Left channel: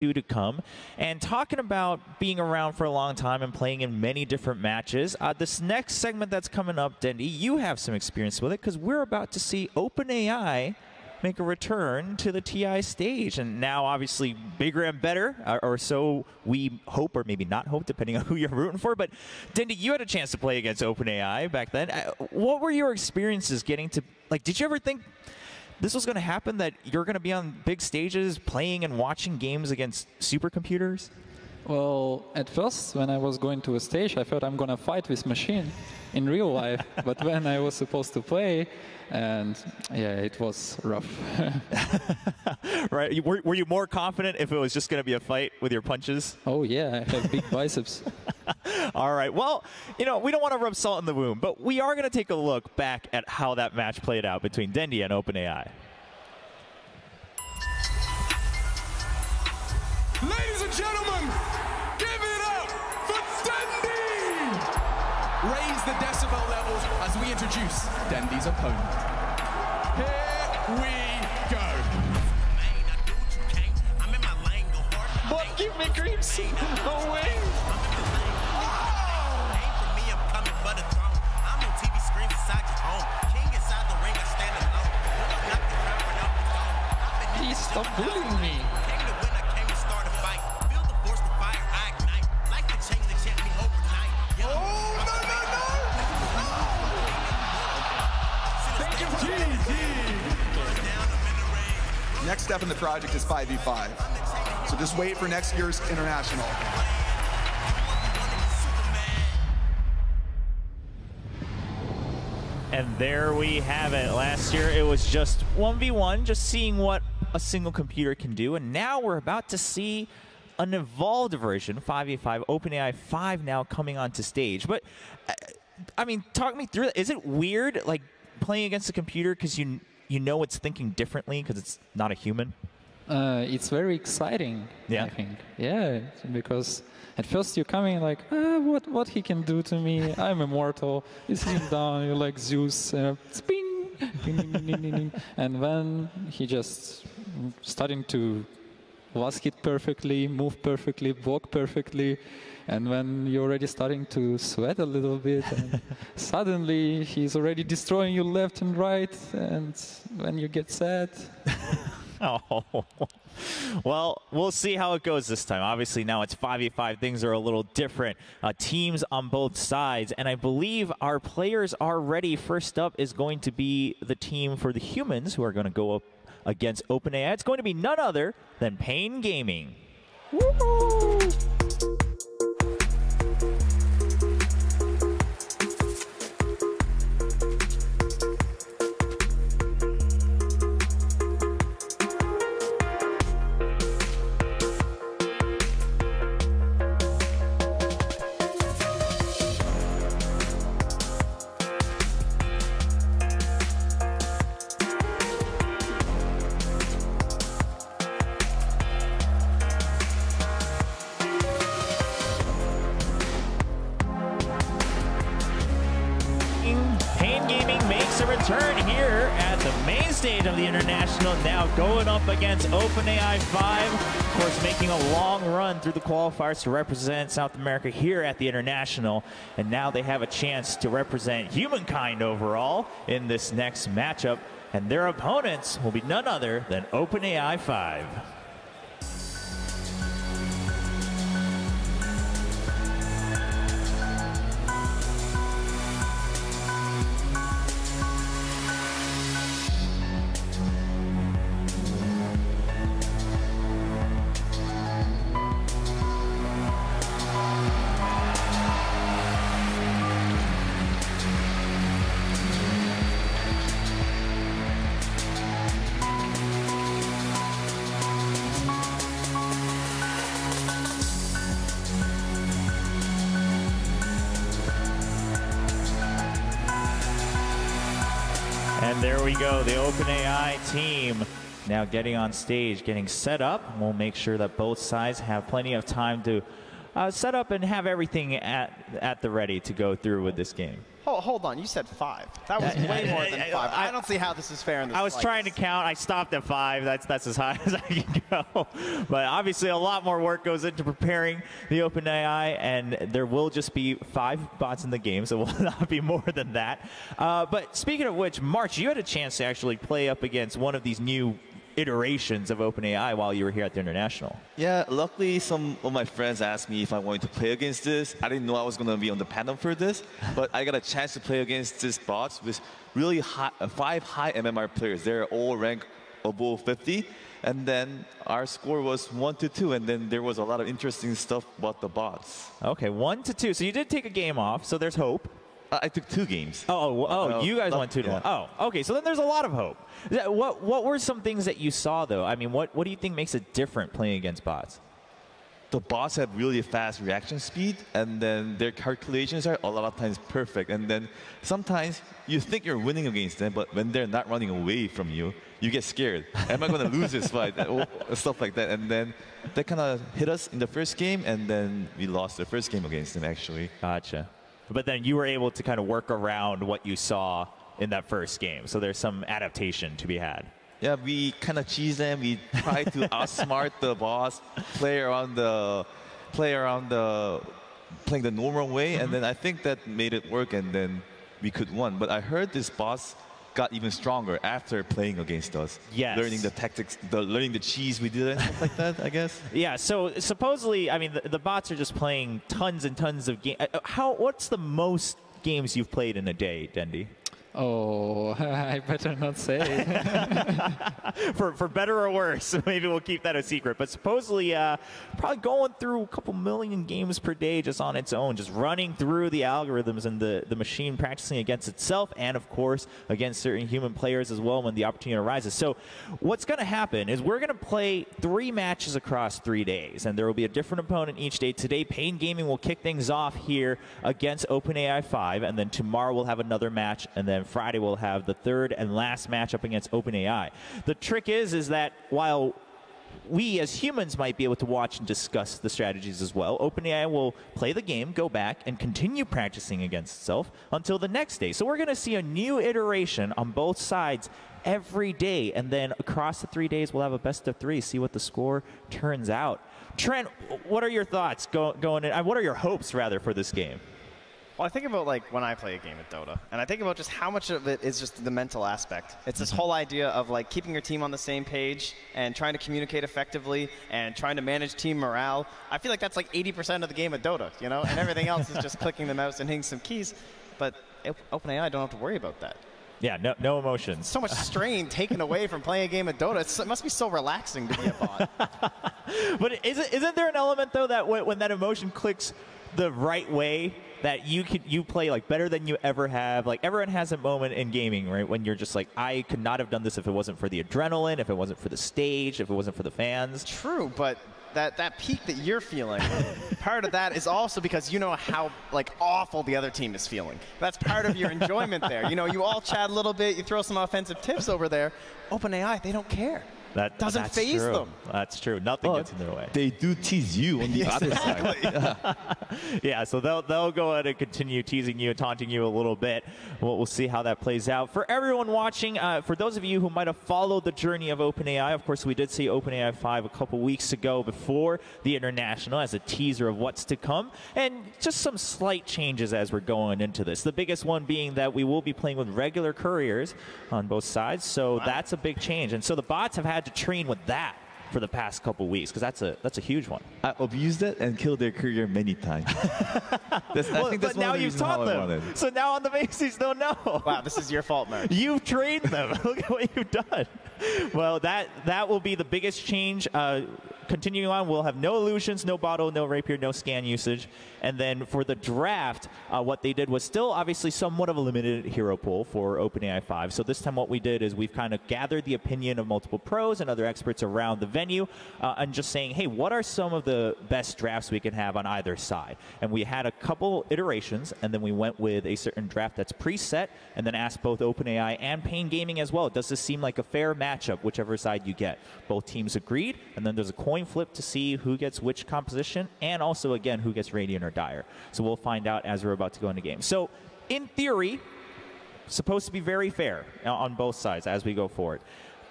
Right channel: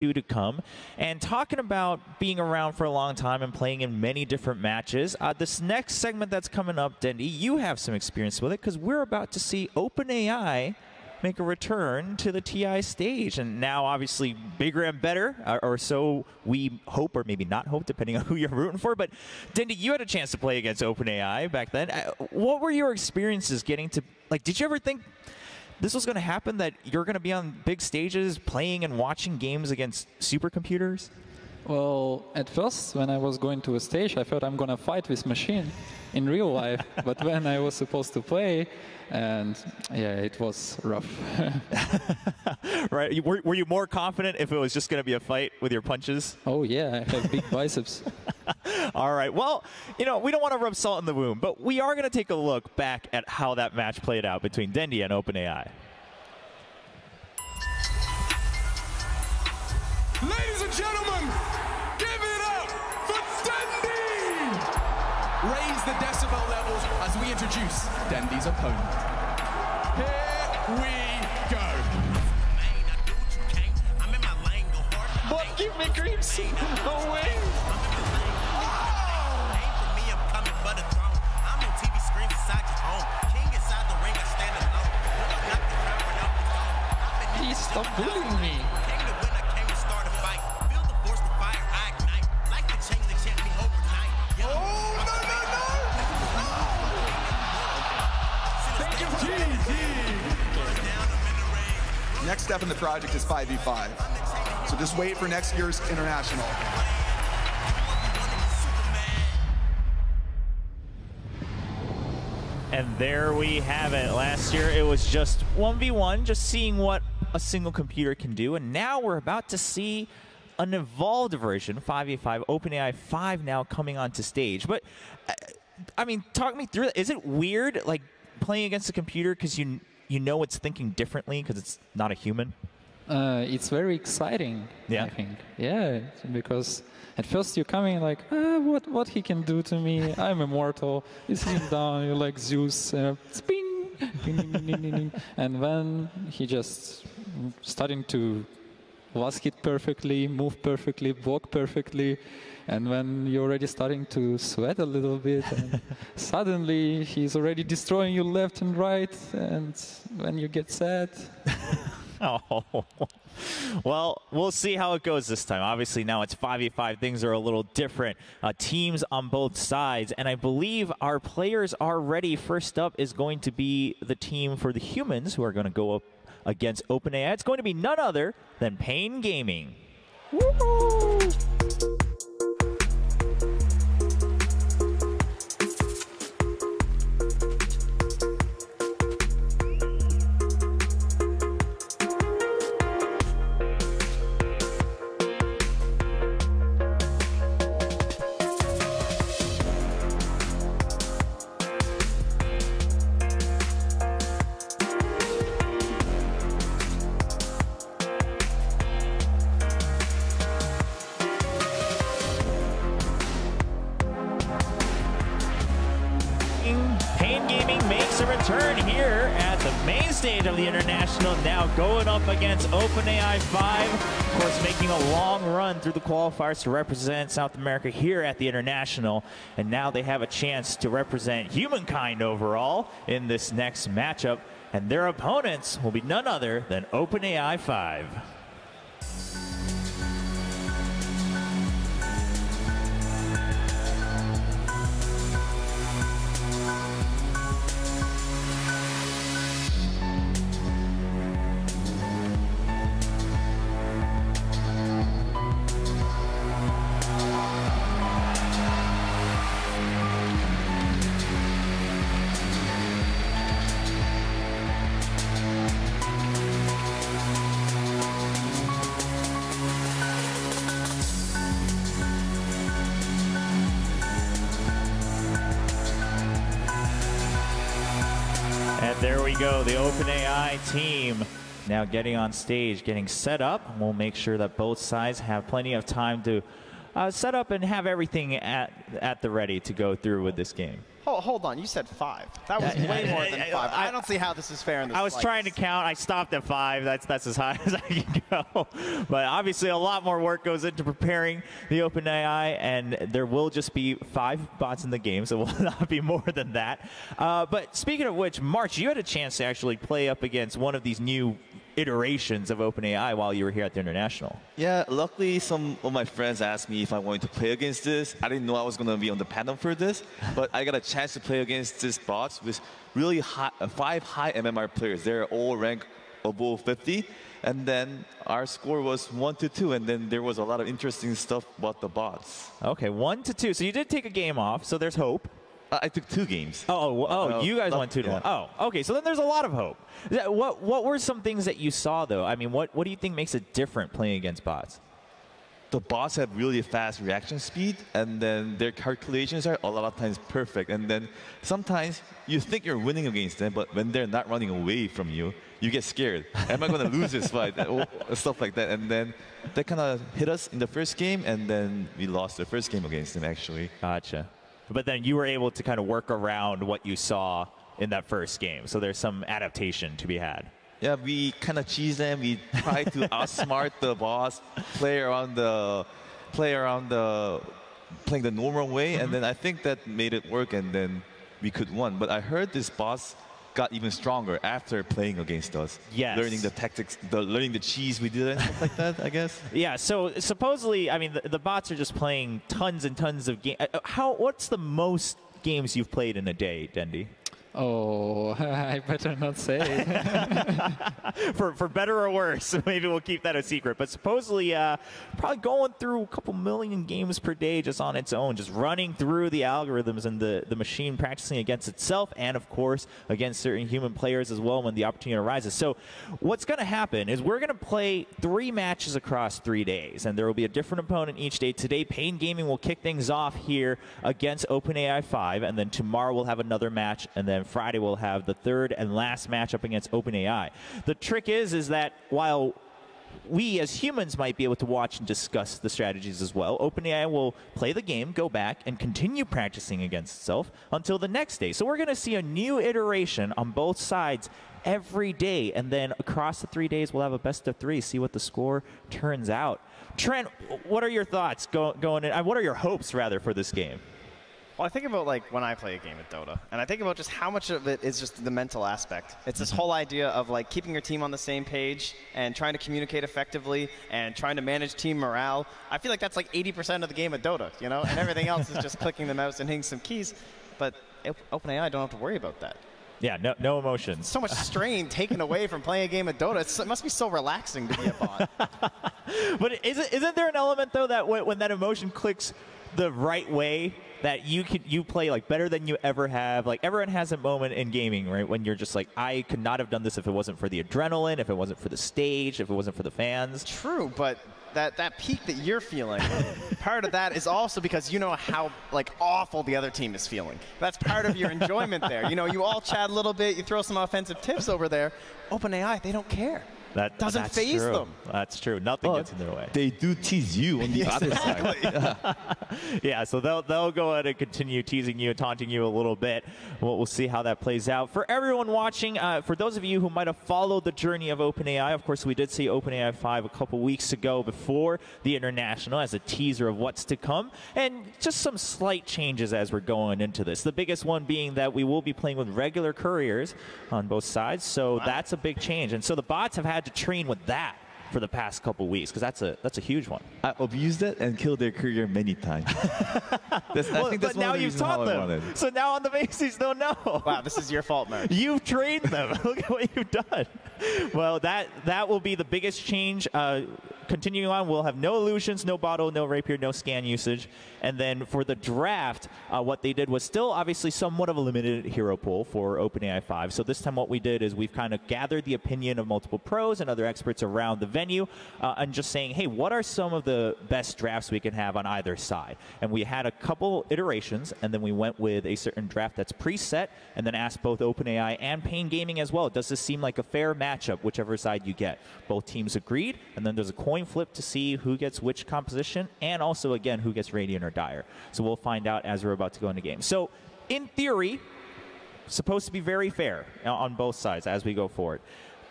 to come. And talking about being around for a long time and playing in many different matches, this next segment that's coming up, Dendy, you have some experience with it because we're about to see OpenAI make a return to the TI stage. And now, obviously, bigger and better, or so we hope, or maybe not hope, depending on who you're rooting for. But, Dendy, you had a chance to play against OpenAI back then. What were your experiences getting to, like, did you ever think this was going to happen, that you're going to be on big stages playing and watching games against supercomputers? Well, at first, when I was going to a stage, I thought I'm going to fight this machine in real life. But when I was supposed to play, and yeah, it was rough. Right? Were you more confident if it was just going to be a fight with your punches? Oh, yeah, I have big biceps. All right. Well, you know, we don't want to rub salt in the wound, but we are going to take a look back at how that match played out between Dendy and OpenAI. Ladies and gentlemen, give it up for Dendy! Raise the decibel levels as we introduce Dendy's opponent. Here we go. But give me green seat. No way. Please stop bullying me. Next step in the project is 5v5. So just wait for next year's international. And there we have it. Last year it was just 1v1, just seeing what a single computer can do. And now we're about to see an evolved version, 5v5, OpenAI5 now coming onto stage. But, I mean, talk me through it. Is it weird, like, playing against a computer because you know it's thinking differently because it's not a human? It's very exciting, yeah. I think. Yeah, because at first you're coming like, what he can do to me? I'm immortal. You see him down, you're like Zeus, spin, and then he just starting to ask it perfectly, move perfectly, block perfectly. And when you're already starting to sweat a little bit, and suddenly he's already destroying you left and right, and when you get sad. Oh, well, we'll see how it goes this time. Obviously, now it's 5v5. Things are a little different. Teams on both sides, and I believe our players are ready. First up is going to be the team for the humans who are going to go up against OpenAI. It's going to be none other than paiN Gaming. Woo-hoo! paiN Gaming makes a return here at the main stage of the International, now going up against OpenAI5. Of course, making a long run through the qualifiers to represent South America here at the International. And now they have a chance to represent humankind overall in this next matchup. And their opponents will be none other than OpenAI5. And there we go, the OpenAI team now getting on stage, getting set up. We'll make sure that both sides have plenty of time to set up and have everything at the ready to go through with this game. Hold on, you said 5. That was way more than 5. I don't see how this is fair in this I was trying to count. I stopped at 5. That's as high as I can go. But obviously a lot more work goes into preparing the OpenAI, and there will just be 5 bots in the game, so it will not be more than that. But speaking of which, March, you had a chance to actually play up against one of these new iterations of OpenAI while you were here at the International. Yeah, luckily some of my friends asked me if I wanted to play against this. I didn't know I was going to be on the panel for this, but I got a chance to play against this bots with really high, 5 high MMR players. They're all ranked above 50, and then our score was 1-2, and then there was a lot of interesting stuff about the bots. Okay, 1-2. So you did take a game off, so there's hope. I took 2 games. You guys went 2-1. Oh, okay. So then there's a lot of hope. What were some things that you saw, though? I mean, what do you think makes it different playing against bots? The bots have really fast reaction speed, and then their calculations are a lot of times perfect. And then sometimes you think you're winning against them, but when they're not running away from you, you get scared. Am I going to lose this fight? Stuff like that. And then that kind of hit us in the first game, and then we lost the first game against them, actually. Gotcha. But then you were able to kind of work around what you saw in that first game. So there's some adaptation to be had. Yeah, we kind of cheese them. We try to outsmart the boss, playing the normal way, and then I think that made it work, and then we could win. But I heard this boss got even stronger after playing against us. Yes. Learning the tactics, learning the cheese we did and stuff like that, I guess. Yeah, so supposedly, I mean, the bots are just playing tons and tons of games. What's the most games you've played in a day, Dendi? Oh, I better not say. for better or worse, maybe we'll keep that a secret. But supposedly, probably going through a couple million games per day just on its own, just running through the algorithms and the machine practicing against itself, and of course against certain human players as well when the opportunity arises. So what's going to happen is we're going to play 3 matches across 3 days, and there will be a different opponent each day. Today, paiN Gaming will kick things off here against OpenAI5, and then tomorrow we'll have another match, and then Friday we'll have the 3rd and last matchup against OpenAI. The trick is that while we as humans might be able to watch and discuss the strategies as well, OpenAI will play the game, go back, and continue practicing against itself until the next day. So we're going to see a new iteration on both sides every day, and then across the 3 days we'll have a best of 3, see what the score turns out. Trent, what are your thoughts going in? What are your hopes, rather, for this game? Well, I think about, like, when I play a game of Dota, and I think about just how much of it is just the mental aspect. It's this whole idea of, like, keeping your team on the same page and trying to communicate effectively and trying to manage team morale. I feel like that's, like, 80% of the game of Dota, you know? And everything else is just clicking the mouse and hitting some keys. But OpenAI don't have to worry about that. Yeah, no emotions. So much strain taken away from playing a game of Dota. It must be so relaxing to be a bot. But isn't there an element, though, that when that emotion clicks the right way, that you play like better than you ever have? Like, everyone has a moment in gaming, right, when you're just like, I could not have done this if it wasn't for the adrenaline, if it wasn't for the stage, if it wasn't for the fans. True, but that peak that you're feeling, part of that is also because you know how, like, awful the other team is feeling. That's part of your enjoyment there. You know, you all chat a little bit, you throw some offensive tips over there. OpenAI, they don't care. That doesn't faze them. That's true. Nothing gets in their way. They do tease you on the other side. Yeah, so they'll go ahead and continue teasing you and taunting you a little bit. We'll see how that plays out. For everyone watching, for those of you who might have followed the journey of OpenAI, of course, we did see OpenAI5 a couple weeks ago before the International as a teaser of what's to come, and just some slight changes as we're going into this. The biggest one being that we will be playing with regular couriers on both sides, so that's a big change. And so the bots have had to train with that for the past couple weeks, because that's a huge one. I abused it and killed their career many times. I think that's but now you've taught them. So now on the bases they'll know. Wow, this is your fault, man. You've trained them. Look at what you've done. Well, that will be the biggest change. Continuing on, we'll have no illusions, no bottle, no rapier, no scan usage. And then for the draft, what they did was still obviously somewhat of a limited hero pool for OpenAI5. So this time what we did is we've kind of gathered the opinion of multiple pros and other experts around the venue and just saying, hey, what are some of the best drafts we can have on either side? And we had a couple iterations, and then we went with a certain draft that's preset, and then asked both OpenAI and paiN Gaming as well, does this seem like a fair matchup, whichever side you get? Both teams agreed, and then there's a coin flip to see who gets which composition, and also, again, who gets Radiant or Dire. So we'll find out as we're about to go into game. So in theory, supposed to be very fair on both sides as we go forward.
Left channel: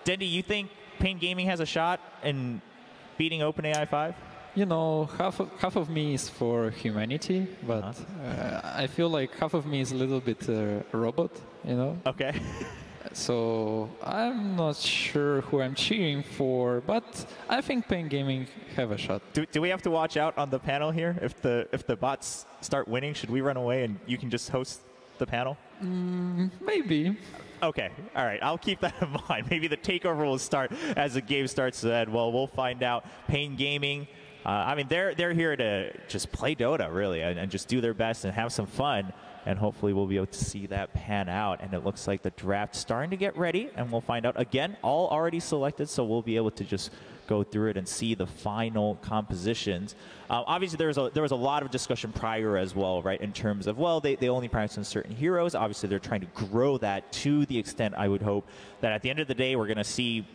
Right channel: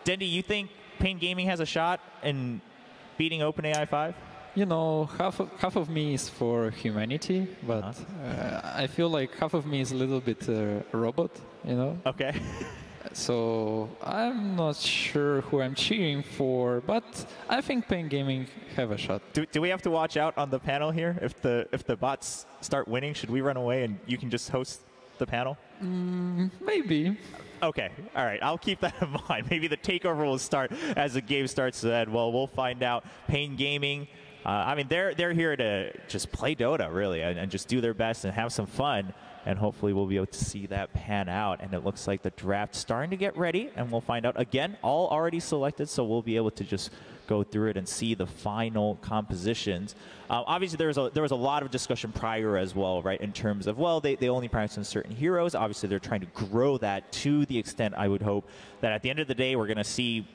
Dendy, you think paiN Gaming has a shot in beating OpenAI5? You know, half of me is for humanity, but I feel like half of me is a little bit a robot, you know? Okay. So I'm not sure who I'm cheering for, but I think paiN Gaming have a shot. Do we have to watch out on the panel here? If the bots start winning, should we run away and you can just host the panel? Maybe. Okay, all right. I'll keep that in mind. Maybe the takeover will start as the game starts. Well, we'll find out. paiN Gaming. I mean, they're here to just play Dota, really, and just do their best and have some fun. And hopefully we'll be able to see that pan out. And it looks like the draft's starting to get ready, and we'll find out. Again, all already selected, so we'll be able to just go through it and see the final compositions. Obviously, there was a lot of discussion prior as well, right, in terms of, well, they only practice on certain heroes. Obviously, they're trying to grow that to the extent, I would hope, that at the end of the day, we're going to see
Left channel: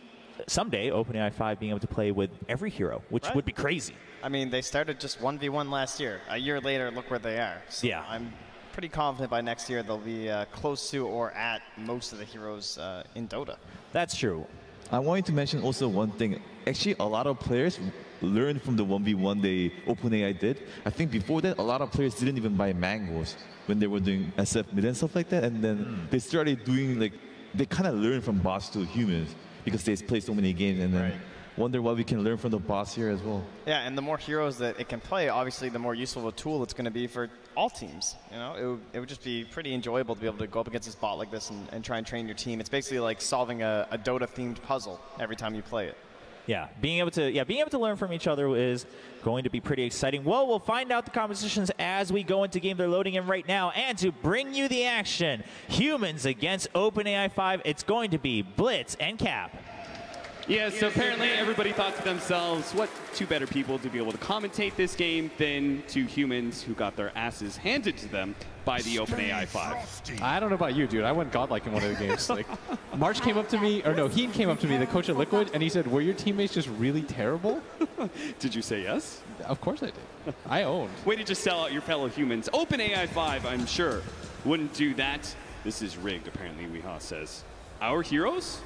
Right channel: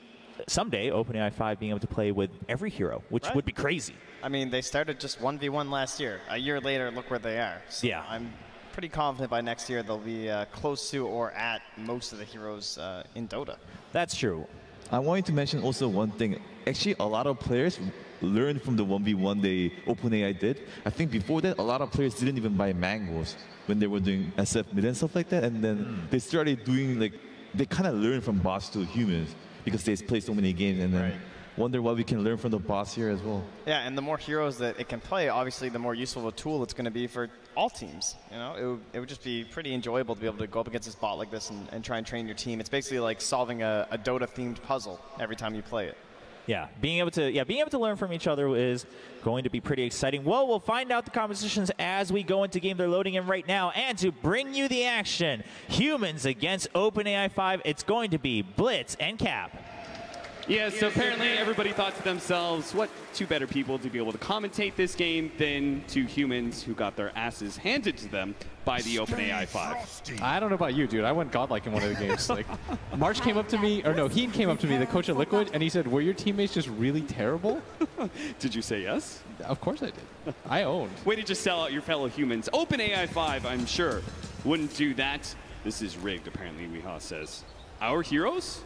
someday OpenAI5 being able to play with every hero, which would be crazy. I mean, they started just 1v1 last year. A year later, look where they are. So yeah. I'm pretty confident by next year they'll be close to or at most of the heroes in Dota. That's true. I wanted to mention also one thing. Actually, a lot of players learned from the 1v1 OpenAI did. I think before that, a lot of players didn't even buy mangoes when they were doing SF mid and stuff like that. And then they started doing, like, they kind of learned from bots to humans because they play so many games. And then wonder what we can learn from the bots here as well. Yeah, and the more heroes that it can play, obviously, the more useful of a tool it's going to be for all teams. You know, it would just be pretty enjoyable to be able to go up against this bot like this and try and train your team. It's basically like solving a Dota-themed puzzle every time you play it. Yeah, being able to learn from each other is going to be pretty exciting. Well, we'll find out the compositions as we go into game. They're loading in right now. And to bring you the action, humans against OpenAI5, it's going to be Blitz and Cap. Yeah, so apparently everybody thought to themselves, what two better people to be able to commentate this game than two humans who got their asses handed to them by the OpenAI5. I don't know about you, dude. I went godlike in one of the games. Like, March came up to me, or no, Heen came up to me, the coach at Liquid, and he said, were your teammates just really terrible? Did you say yes? Of course I did. I owned. Way to just sell out your fellow humans. OpenAI5, I'm sure, wouldn't do that. This is rigged, apparently, Weehaw says. Our heroes?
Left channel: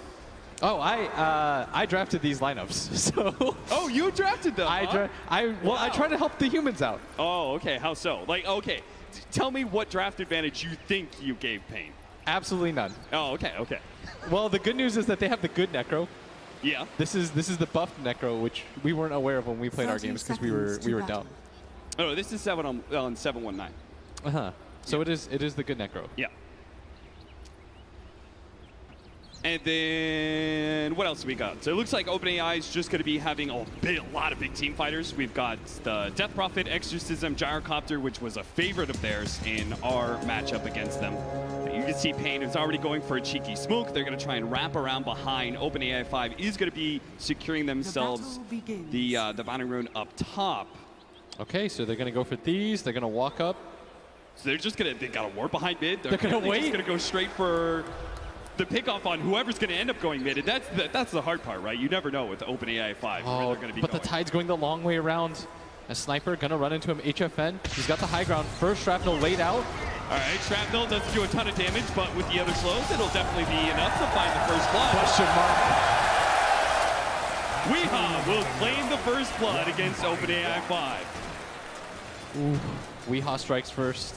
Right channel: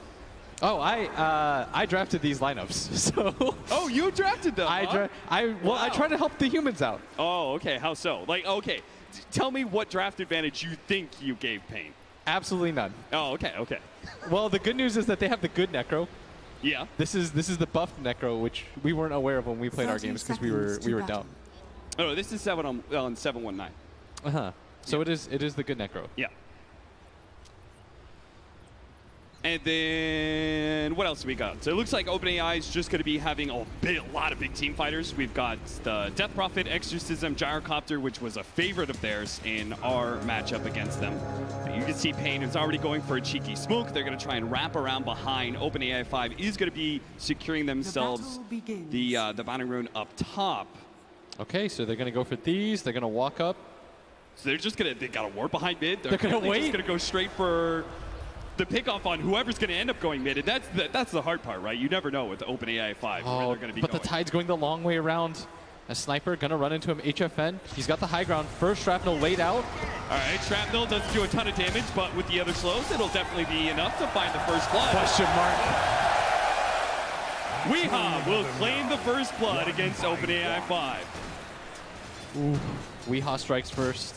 Oh, I drafted these lineups. So oh, you drafted them? I try to help the humans out. Oh, okay. How so? Like, okay, tell me what draft advantage you think you gave paiN. Absolutely none. Oh, okay, okay. Well, the good news is that they have the good Necro. Yeah. This is the buffed Necro, which we weren't aware of when we played our games because we were dumb. Oh, this is 7 on 719. So it is the good Necro. Yeah. And then, what else do we got? So it looks like OpenAI is just going to be having a lot of big team fighters. We've got the Death Prophet, Exorcism, Gyrocopter, which was a favorite of theirs in our matchup against them. You can see paiN is already going for a cheeky smoke. They're going to try and wrap around behind. OpenAI5 is going to be securing themselves the bounty rune up top. Okay, so they're going to go for these. They're going to walk up. So they're just going to, they got a ward behind mid. They're going to wait. They're going to go straight for the pick-off on whoever's going to end up going mid. And that's the hard part, right? You never know with OpenAI5. Oh, but the tide's going the long way around. A sniper going to run into him. HFN, he's got the high ground. First shrapnel laid out. All right, shrapnel doesn't do a ton of damage, but with the other slows, it'll definitely be enough to find the first blood. Question mark. Weehaw will claim the first blood against OpenAI5. Ooh, Weehaw strikes first.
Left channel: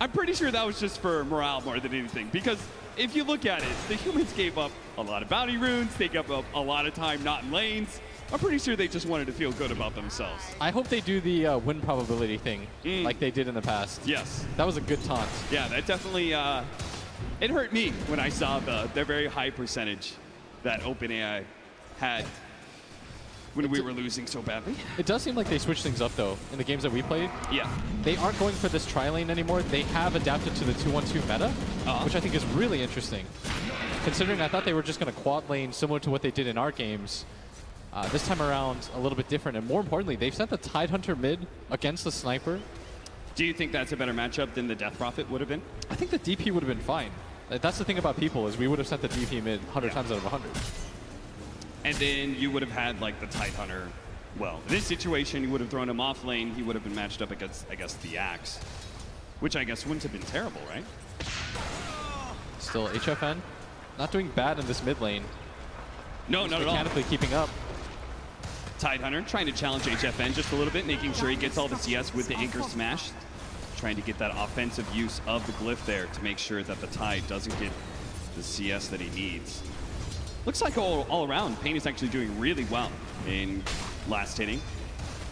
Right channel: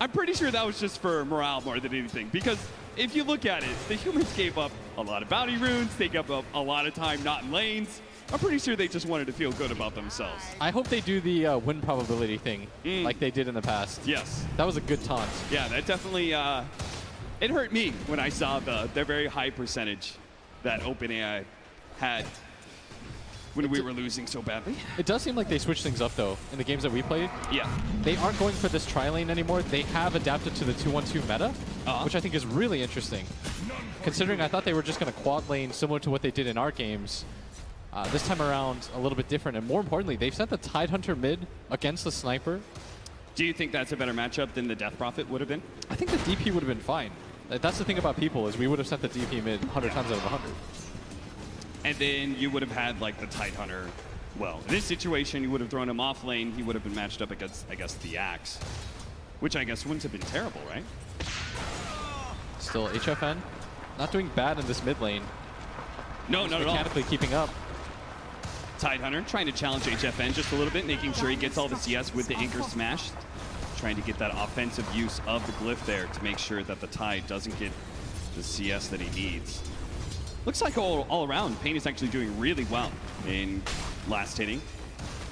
I'm pretty sure that was just for morale more than anything, because if you look at it, the humans gave up a lot of bounty runes, they gave up a lot of time not in lanes. I'm pretty sure they just wanted to feel good about themselves. I hope they do the win probability thing like they did in the past. Yes. That was a good taunt. Yeah, that definitely, it hurt me when I saw the very high percentage that OpenAI had when we were losing so badly. It does seem like they switched things up, though, in the games that we played. Yeah. They aren't going for this tri-lane anymore. They have adapted to the 2-1-2 meta, which I think is really interesting. Considering I thought they were just going to quad lane similar to what they did in our games. This time around, a little bit different. And more importantly, they've sent the Tidehunter mid against the Sniper. Do you think that's a better matchup than the Death Prophet would have been? I think the DP would have been fine. That's the thing about people, is we would have sent the DP mid 100 times out of 100. And then you would have had, like, the Tidehunter. Well, in this situation, you would have thrown him off lane. He would have been matched up against, I guess, the Axe. which I guess wouldn't have been terrible, right? Still, HFN not doing bad in this mid lane. No, not at all. Mechanically keeping up. Tidehunter trying to challenge HFN just a little bit, making sure he gets all the CS with the anchor smash. Trying to get that offensive use of the glyph there to make sure that the Tide doesn't get the CS that he needs. Looks like all around, paiN is actually doing really well in last hitting.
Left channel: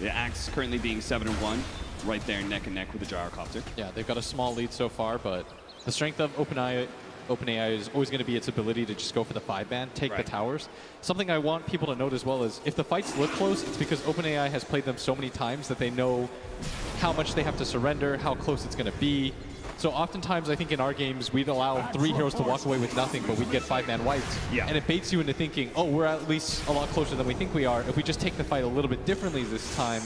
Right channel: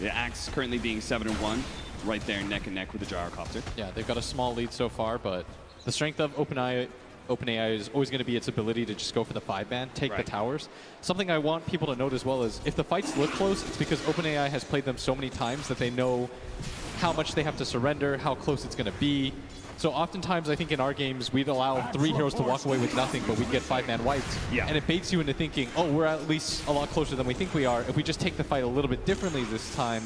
The Axe currently being 7-1, right there neck and neck with the Gyrocopter. Yeah, they've got a small lead so far, but the strength of OpenAI is always going to be its ability to just go for the 5-man, take the towers. Something I want people to note as well is if the fights look close, it's because OpenAI has played them so many times that they know how much they have to surrender, how close it's going to be. So oftentimes, I think in our games, we'd allow 3 heroes to walk away with nothing, but we'd get 5-man wipes. Yeah. And it baits you into thinking, oh, we're at least a lot closer than we think we are. If we just take the fight a little bit differently this time,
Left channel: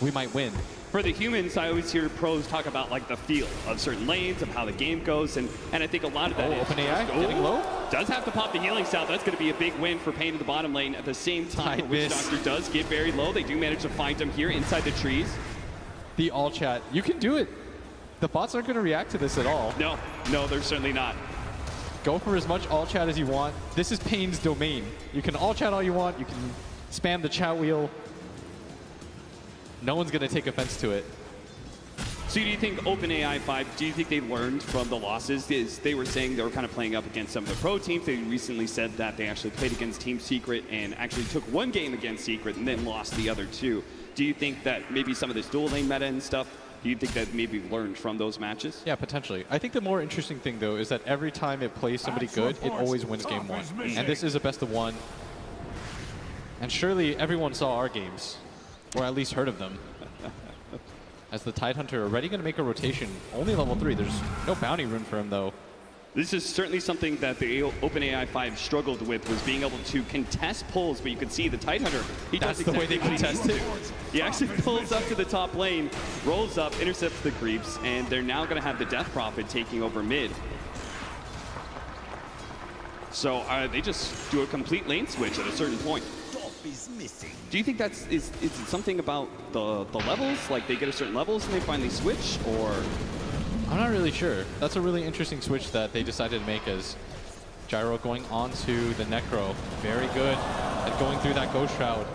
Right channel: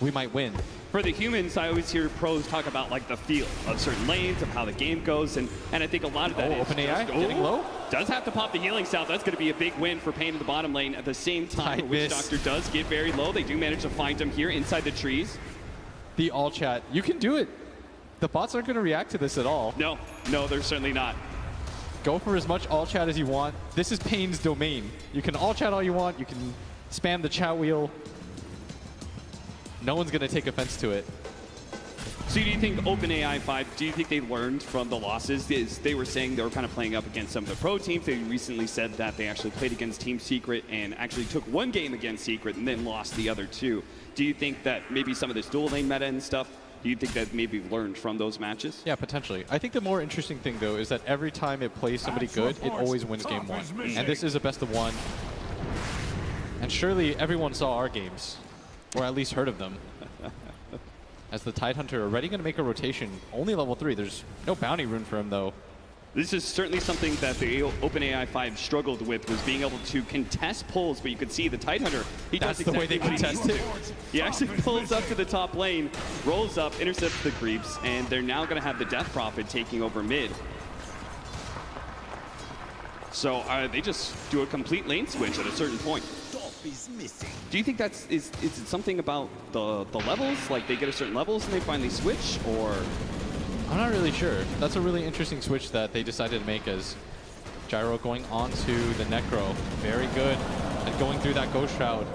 we might win. For the humans, I always hear pros talk about like the feel of certain lanes, of how the game goes, and I think a lot of that is OpenAI getting low. Does have to pop the healing salve. That's going to be a big win for paiN in the bottom lane. At the same time, Witch Doctor does get very low. They do manage to find him here inside the trees. The all chat, you can do it. The bots aren't going to react to this at all. No, they're certainly not. Go for as much all chat as you want. This is paiN's domain. You can all chat all you want. You can spam the chat wheel. No one's going to take offense to it. So do you think OpenAI5, do you think they learned from the losses? They were saying they were kind of playing up against some of the pro teams. They recently said that they actually played against Team Secret and actually took one game against Secret and then lost the other 2. Do you think that maybe some of this dual lane meta and stuff, do you think that maybe learned from those matches? Yeah, potentially. I think the more interesting thing, though, is that every time it plays somebody good, it always wins game 1. And this is a best of 1. And surely everyone saw our games, or at least heard of them. As the Tidehunter already going to make a rotation. Only level 3. There's no bounty rune for him, though. This is certainly something that the OpenAI5 struggled with, was being able to contest pulls, but you can see the Tidehunter, he does the way they contest it. He actually pulls up to the top lane, rolls up, intercepts the creeps, and they're now going to have the Death Prophet taking over mid. So they just do a complete lane switch at a certain point. Do you think is it something about the levels? Like they get a certain levels and they finally switch, or? I'm not really sure. That's a really interesting switch that they decided to make as Gyro going on to the Necro. Very good at going through that Ghost Shroud.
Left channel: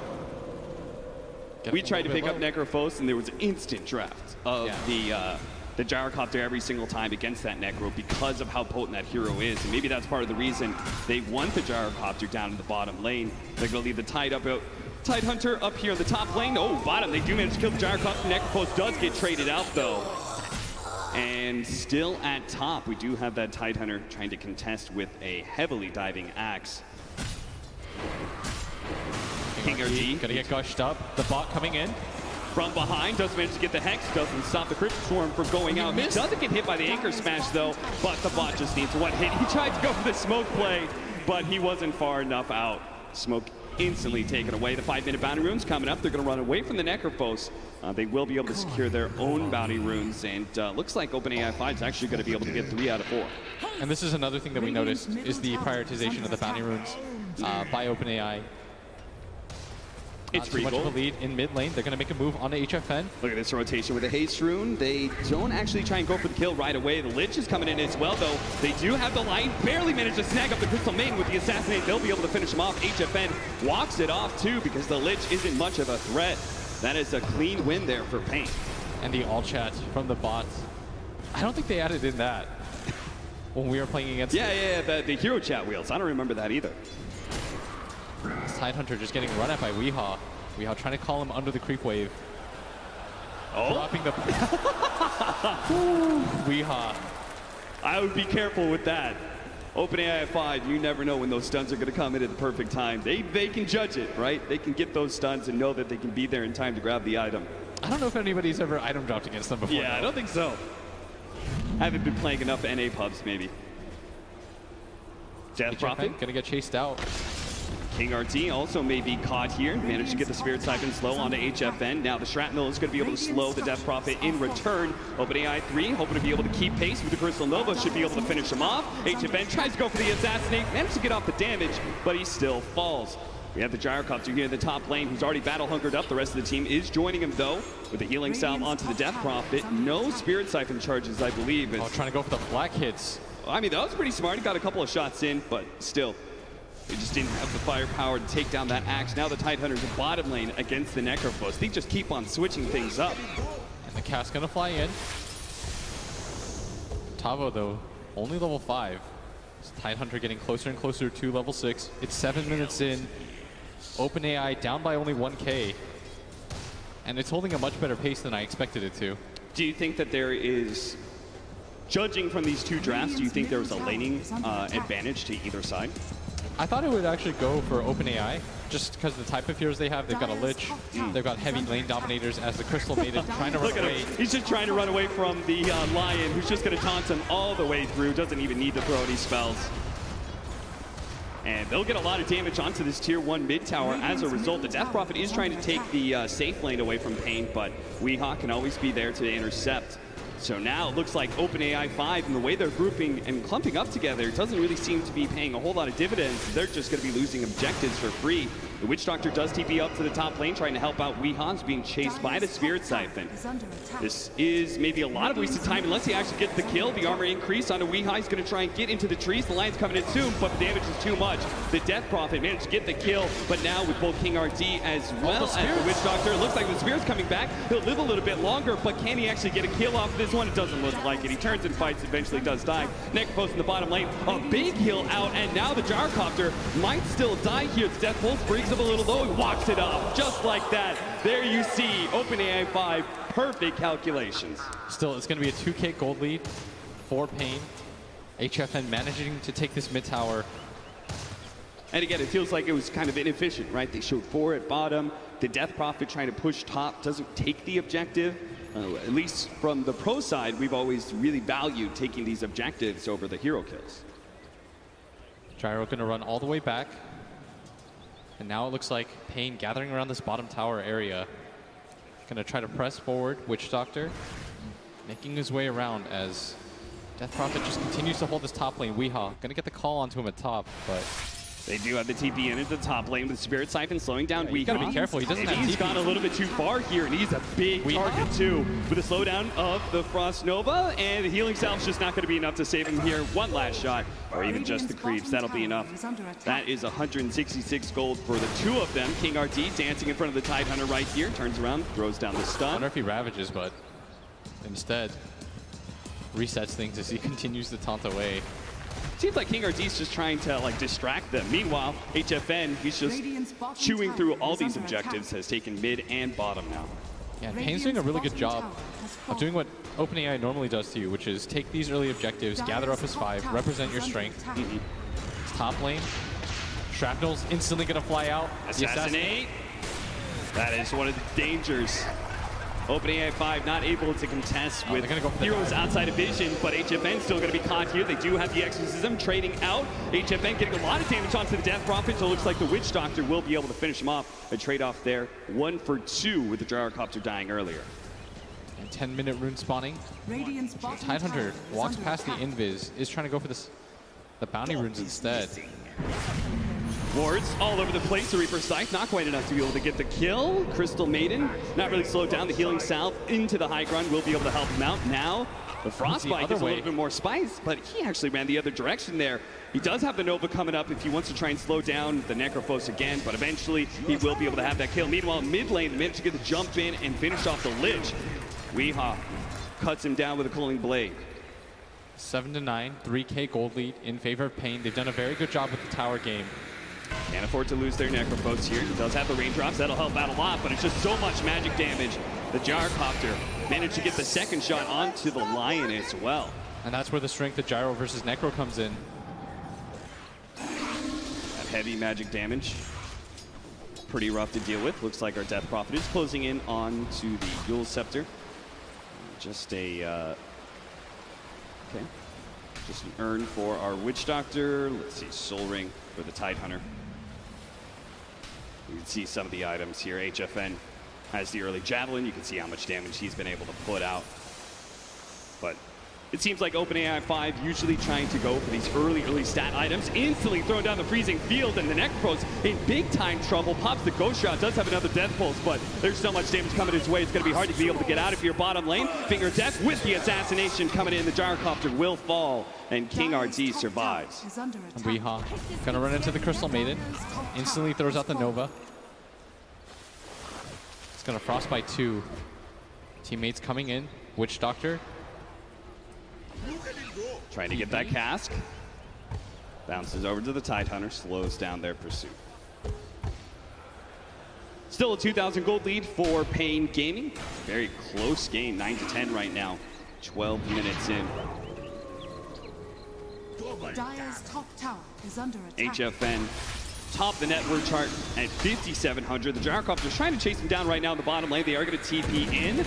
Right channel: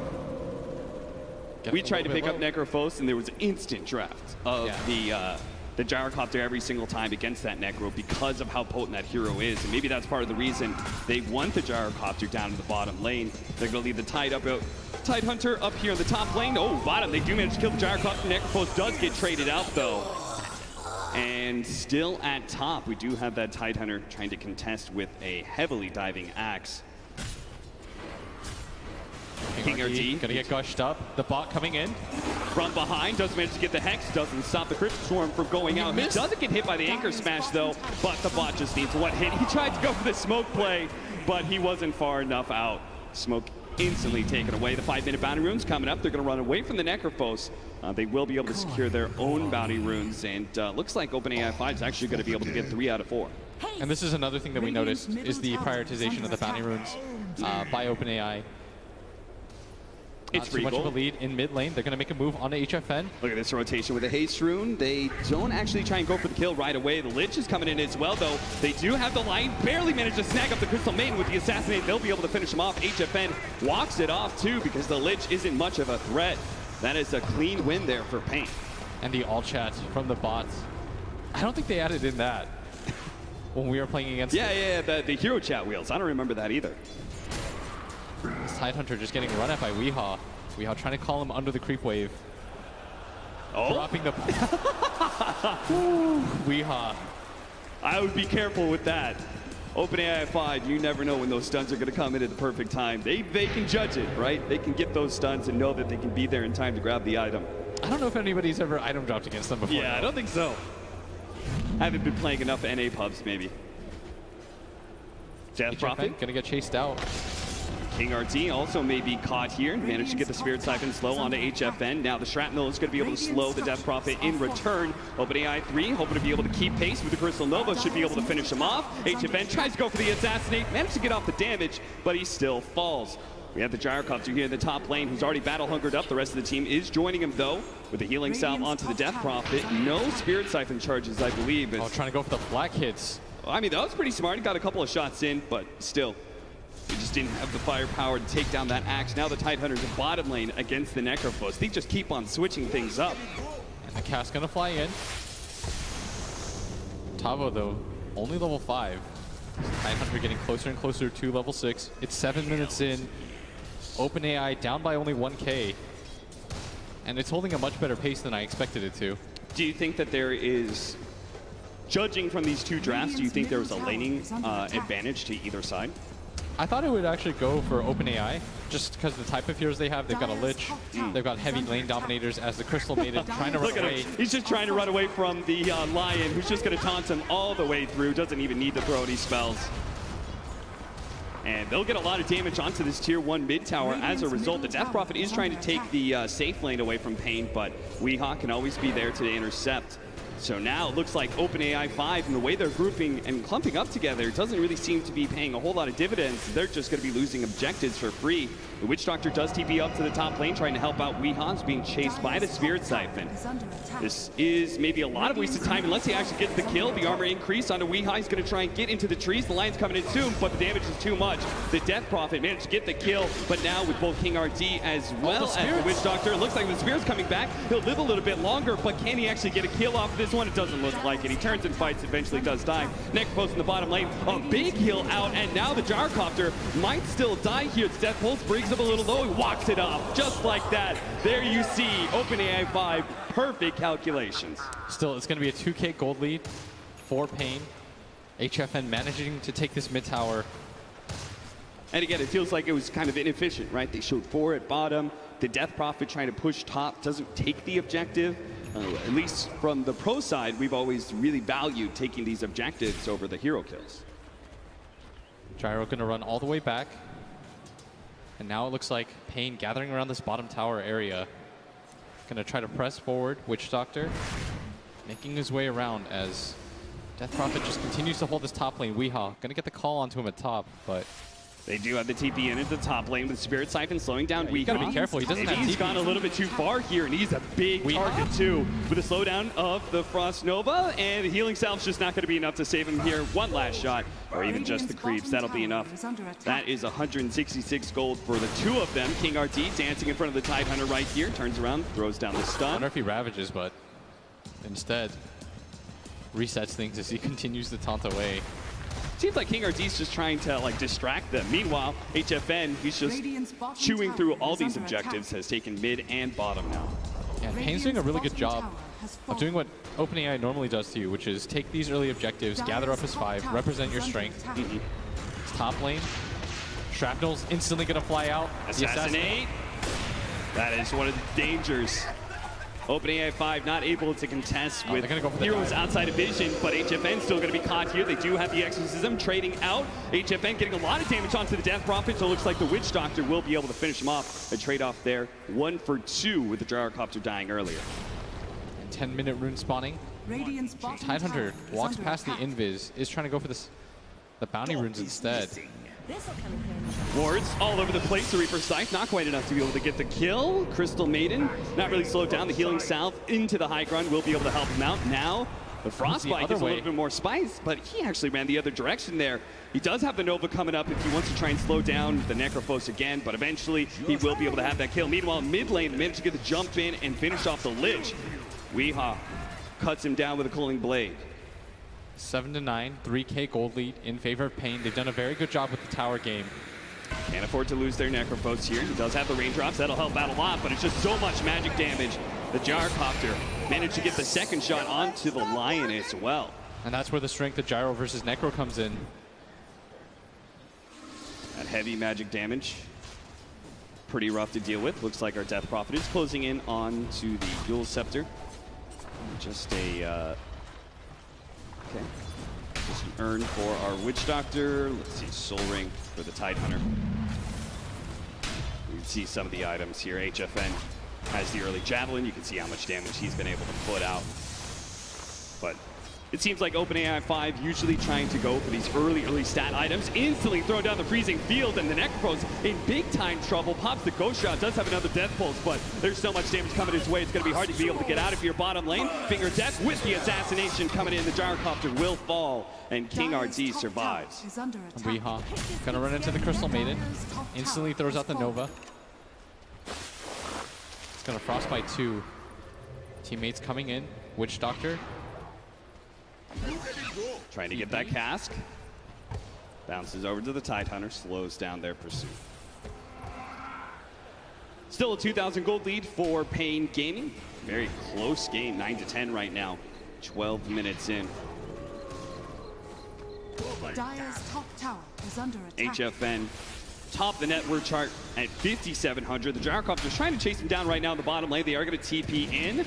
We tried to pick up Necrophos and there was instant draft of the Gyrocopter every single time against that Necro because of how potent that hero is. And maybe that's part of the reason they want the Gyrocopter down in the bottom lane. They're going to leave the Tidehunter up here in the top lane. Oh, bottom. They do manage to kill the Gyrocopter. Necrophos does get traded out, though. And still at top, we do have that Tidehunter trying to contest with a heavily diving Axe. King RG gonna get gushed up. The bot coming in from behind, does manage to get the Hex, doesn't stop the Crypt Swarm from going out. He doesn't get hit by the Anchor Smash though, but the bot just needs one hit. He tried to go for the smoke play, but he wasn't far enough out. Smoke instantly taken away. The 5-minute bounty runes coming up. They're going to run away from the Necrophos. They will be able to secure their own bounty runes, and looks like OpenAI5 is actually going to be able to get 3 out of 4. And this is another thing that we noticed is the prioritization of the bounty runes by OpenAI. It's too much of a lead in mid lane. They're going to make a move on the HFN. Look at this rotation with a haste rune. They don't actually try and go for the kill right away. The Lich is coming in as well, though. They do have the line. Barely managed to snag up the Crystal Maiden with the Assassinate. They'll be able to finish him off. HFN walks it off, too, because the Lich isn't much of a threat. That is a clean win there for paiN. And the all chat from the bots. I don't think they added in that when we were playing against the hero chat wheels. I don't remember that either. Tidehunter just getting run at by Weehaw. Weehaw trying to call him under the creep wave. Oh. Dropping the... Weehaw. I would be careful with that. OpenAI5, you never know when those stuns are going to come in at the perfect time. They can judge it, right? They can get those stuns and know that they can be there in time to grab the item. I don't know if anybody's ever item dropped against them before. Yeah, I don't think so. I haven't been playing enough NA pubs, maybe. Death Prophet gonna get chased out. King RT also may be caught here. Managed to get the Spirit Siphon slow onto HFN. Now the Shrapnel is going to be able to slow the Death Prophet in return. OpenAI3 hoping to be able to keep pace with the Crystal Nova. Should be able to finish him off. HFN tries to go for the Assassinate. Managed to get off the damage, but he still falls. We have the Gyrocopter here in the top lane, who's already battle-hungered up. The rest of the team is joining him, though, with the healing salve onto the Death Prophet. No Spirit Siphon charges, I believe. Oh, trying to go for the flak hits. I mean, that was pretty smart. He got a couple of shots in, but still, he just didn't have the firepower to take down that axe. Now the Tidehunters are bottom lane against the Necrophos. They just keep on switching things up. And the cast's going to fly in. Tavo, though, only level 5. Tidehunter getting closer and closer to level 6. It's 7 minutes in. OpenAI down by only 1K. And it's holding a much better pace than I expected it to. Do you think that there is, judging from these two drafts, do you think there was a laning advantage to either side? I thought it would actually go for OpenAI, just because of the type of heroes they have. They've got a Lich, they've got heavy lane dominators as the Crystal Maiden trying to run away. He's just trying to run away from the Lion, who's just going to taunt him all the way through. Doesn't even need to throw any spells. And they'll get a lot of damage onto this tier 1 mid tower as a result. The Death Prophet is trying to take the safe lane away from paiN, but Weehaw can always be there to intercept. So now it looks like OpenAI5 and the way they're grouping and clumping up together doesn't really seem to be paying a whole lot of dividends. They're just going to be losing objectives for free. The Witch Doctor does TP up to the top lane, trying to help out Weehaw's being chased by the Spirit Siphon. This is maybe a lot of wasted time unless he actually gets the kill. The armor increase onto Weehaw. He's going to try and get into the trees. The Lion's coming in soon, but the damage is too much. The Death Prophet managed to get the kill, but now with both King RD as well as the Witch Doctor, it looks like the Spirit's coming back. He'll live a little bit longer, but can he actually get a kill off of this one? It doesn't look like it. He turns and fights, eventually does die. Necrophos in the bottom lane, a big heal out, and now the Gyrocopter might still die here. The Death Pulse brings him a little low. He walks it off just like that. There you see OpenAI5, perfect calculations. Still, it's going to be a 2K gold lead for paiN. HFN managing to take this mid tower. And again, it feels like it was kind of inefficient, right? They showed 4 at bottom. The Death Prophet trying to push top doesn't take the objective. At least from the pro side, we've always really valued taking these objectives over the hero kills. Gyro going to run all the way back. And now it looks like paiN gathering around this bottom tower area. Going to try to press forward. Witch Doctor making his way around as Death Prophet just continues to hold this top lane. Weehaw going to get the call onto him at top, but they do have the TP in at the top lane with Spirit Siphon slowing down Weehaw. You gotta be careful. He doesn't have He's TP. gone a little bit too far here, and he's a big target too. With a slowdown of the Frost Nova, and the healing salve's just not going to be enough to save him here. One last shot, or even just the creeps. That'll be enough. That is 166 gold for the two of them. King RT dancing in front of the Tidehunter right here. Turns around, throws down the I stun. wonder if he ravages, but instead resets things as he continues to taunt away. Seems like King RD's just trying to like distract them. Meanwhile, HFN, he's just chewing through all these objectives, has taken mid and bottom now. Yeah, paiN's doing a really good job of doing what OpenAI normally does to you, which is take these early objectives, gather up as 5, represent your strength. It's top lane. Shrapnel's instantly going to fly out. Assassinate. That is one of the dangers. OpenAI5 not able to contest with heroes outside of vision, but HFN still going to be caught here. They do have the Exorcism trading out. HFN getting a lot of damage onto the Death Prophet, so it looks like the Witch Doctor will be able to finish him off. A trade-off there, 1 for 2 with the Gyrocopter dying earlier. 10-minute rune spawning. Tidehunter walks past the Invis, is trying to go for this, the bounty runes instead. Wards all over the place. The Reaper Scythe not quite enough to be able to get the kill. Crystal Maiden not really slowed down. The healing salve into the high ground will be able to help him out. Now the Frostbite is a little bit more spice, but he actually ran the other direction there. He does have the Nova coming up if he wants to try and slow down the Necrophos again, but eventually he will be able to have that kill. Meanwhile, mid lane, they managed to get the jump in and finish off the Lich. Weehaw cuts him down with a Cooling Blade. 7-9, 3K gold lead in favor of paiN. They've done a very good job with the tower game. Can't afford to lose their Necrophos here. He does have the raindrops. That'll help out a lot, but it's just so much magic damage. The Gyrocopter managed to get the second shot onto the Lion as well. And that's where the strength of Gyro versus Necro comes in. That heavy magic damage. Pretty rough to deal with. Looks like our Death Prophet is closing in on to the Ghoul Scepter. Just a... okay. Just an urn for our Witch Doctor. Let's see, Soul Ring for the Tidehunter. You can see some of the items here. HFN has the early Javelin. You can see how much damage he's been able to put out. But It seems like OpenAI5 usually trying to go for these early stat items, instantly throw down the freezing field, and the Necropros in big-time trouble. Pops the ghost shot, does have another death pulse, but there's so much damage coming his way, it's going to be hard to be able to get out of your bottom lane. Finger Death with the assassination coming in. The Gyrocopter will fall, and King RT survives. Weehaw gonna run into the Crystal Maiden, instantly throws out the Nova. It's gonna Frostbite 2. Teammates coming in. Witch Doctor. Trying to get that cask. Bounces over to the Tidehunter, slows down their pursuit. Still a 2,000 gold lead for paiN Gaming. Very close game, 9-10 right now. 12 minutes in. Dire's top tower is under attack. HFN top the network chart at 5,700. The Gyrocopter's trying to chase him down right now in the bottom lane. They are going to TP in.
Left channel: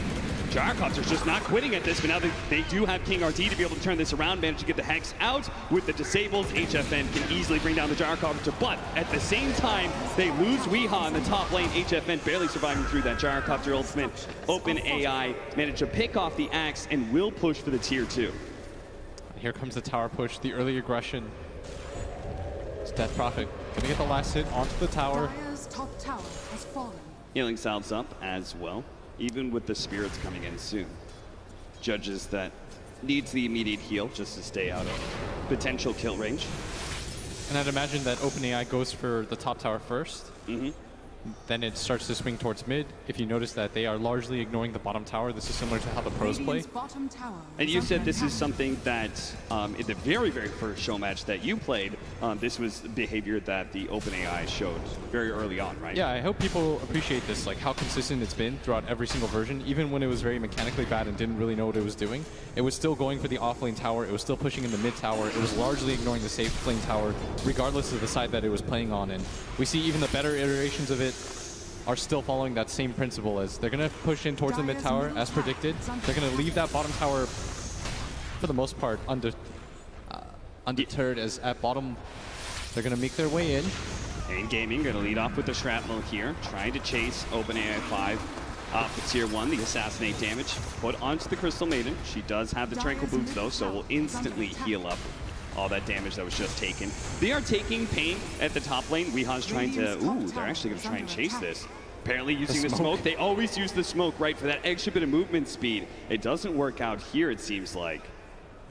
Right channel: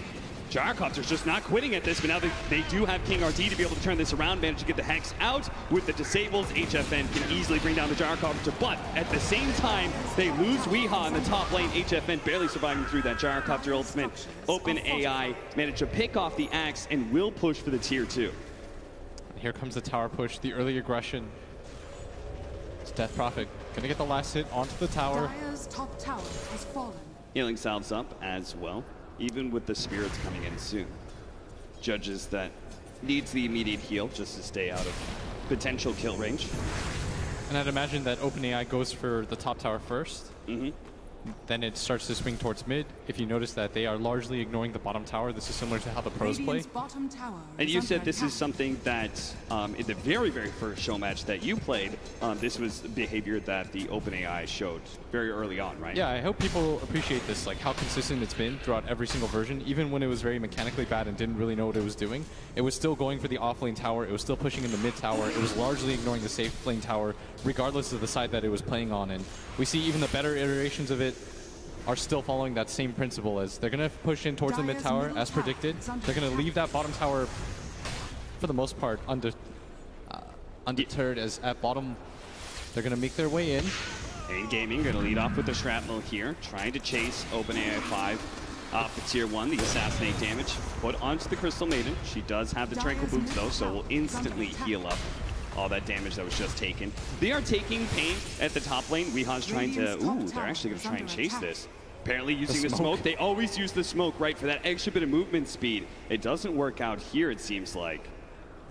Gyrocopter's just not quitting at this, but now they do have King RT to be able to turn this around, manage to get the Hex out with the disables. HFN can easily bring down the Gyrocopter, but at the same time, they lose Weehaw in the top lane. HFN barely surviving through that Gyrocopter ultimate. OpenAI managed to pick off the axe and will push for the tier 2. And here comes the tower push, the early aggression. It's Death Prophet gonna get the last hit onto the tower. Dire's top tower has fallen. Healing salves up as well, even with the spirits coming in soon. Judges that needs the immediate heal just to stay out of potential kill range. And I'd imagine that OpenAI goes for the top tower first. Then it starts to swing towards mid. If you notice that they are largely ignoring the bottom tower, this is similar to how the pros play. Bottom tower And you said this is something that in the very first show match that you played, this was behavior that the OpenAI showed very early on, right? Yeah, I hope people appreciate this, like how consistent it's been throughout every single version. Even when it was very mechanically bad and didn't really know what it was doing, it was still going for the off-lane tower. It was still pushing in the mid tower. It was largely ignoring the safe lane tower, regardless of the side that it was playing on. And we see even the better iterations of it are still following that same principle. As they're going to push in towards the mid tower as predicted. They're going to leave that bottom tower for the most part undeterred, as at bottom they're going to make their way in. paiN Gaming going to lead off with the shrapnel here, trying to chase OpenAI5 off the tier 1, the assassinate damage put onto the Crystal Maiden. She does have the Tranquil Boots though, so will instantly heal up all that damage that was just taken. They are taking paiN at the top lane. Weehaw's trying to, they're actually going to try and chase this. Apparently using the smoke. They always use the smoke, right, for that extra bit of movement speed. It doesn't work out here, it seems like.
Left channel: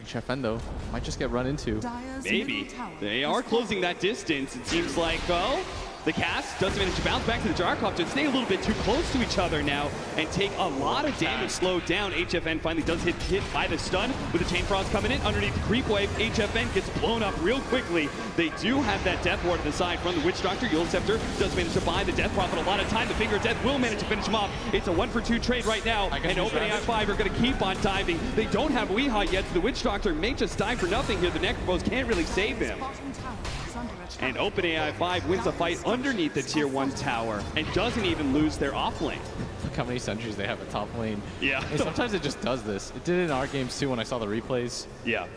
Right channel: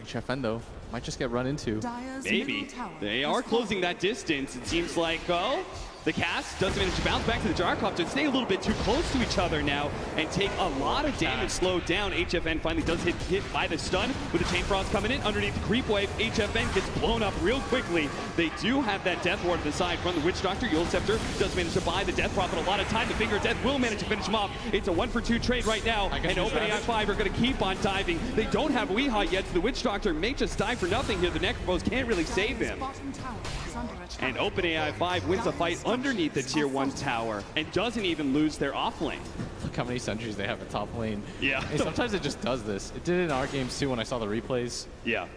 HFN, though, might just get run into. Maybe. They are closing that distance. It seems like, well, the cast doesn't manage to bounce back to the Gyrocopter. Stay a little bit too close to each other now and take a lot of damage slowed down. HFN finally does hit by the stun with the Chain Frost coming in. Underneath the creep wave, HFN gets blown up real quickly. They do have that Death Ward to the side from the Witch Doctor. Yule Scepter does manage to buy the Death Prophet a lot of time. The Finger of Death will manage to finish him off. It's a 1-for-2 trade right now, and OpenAI5 are going to keep on diving. They don't have Weehaw yet, so the Witch Doctor may just die for nothing here. The Necropros can't really save him. And OpenAI5 wins a fight underneath the tier 1 tower and doesn't even lose their off lane. Look how many sentries they have at top lane. Yeah. And sometimes it just does this. It did it in our games too when I saw the replays. Yeah.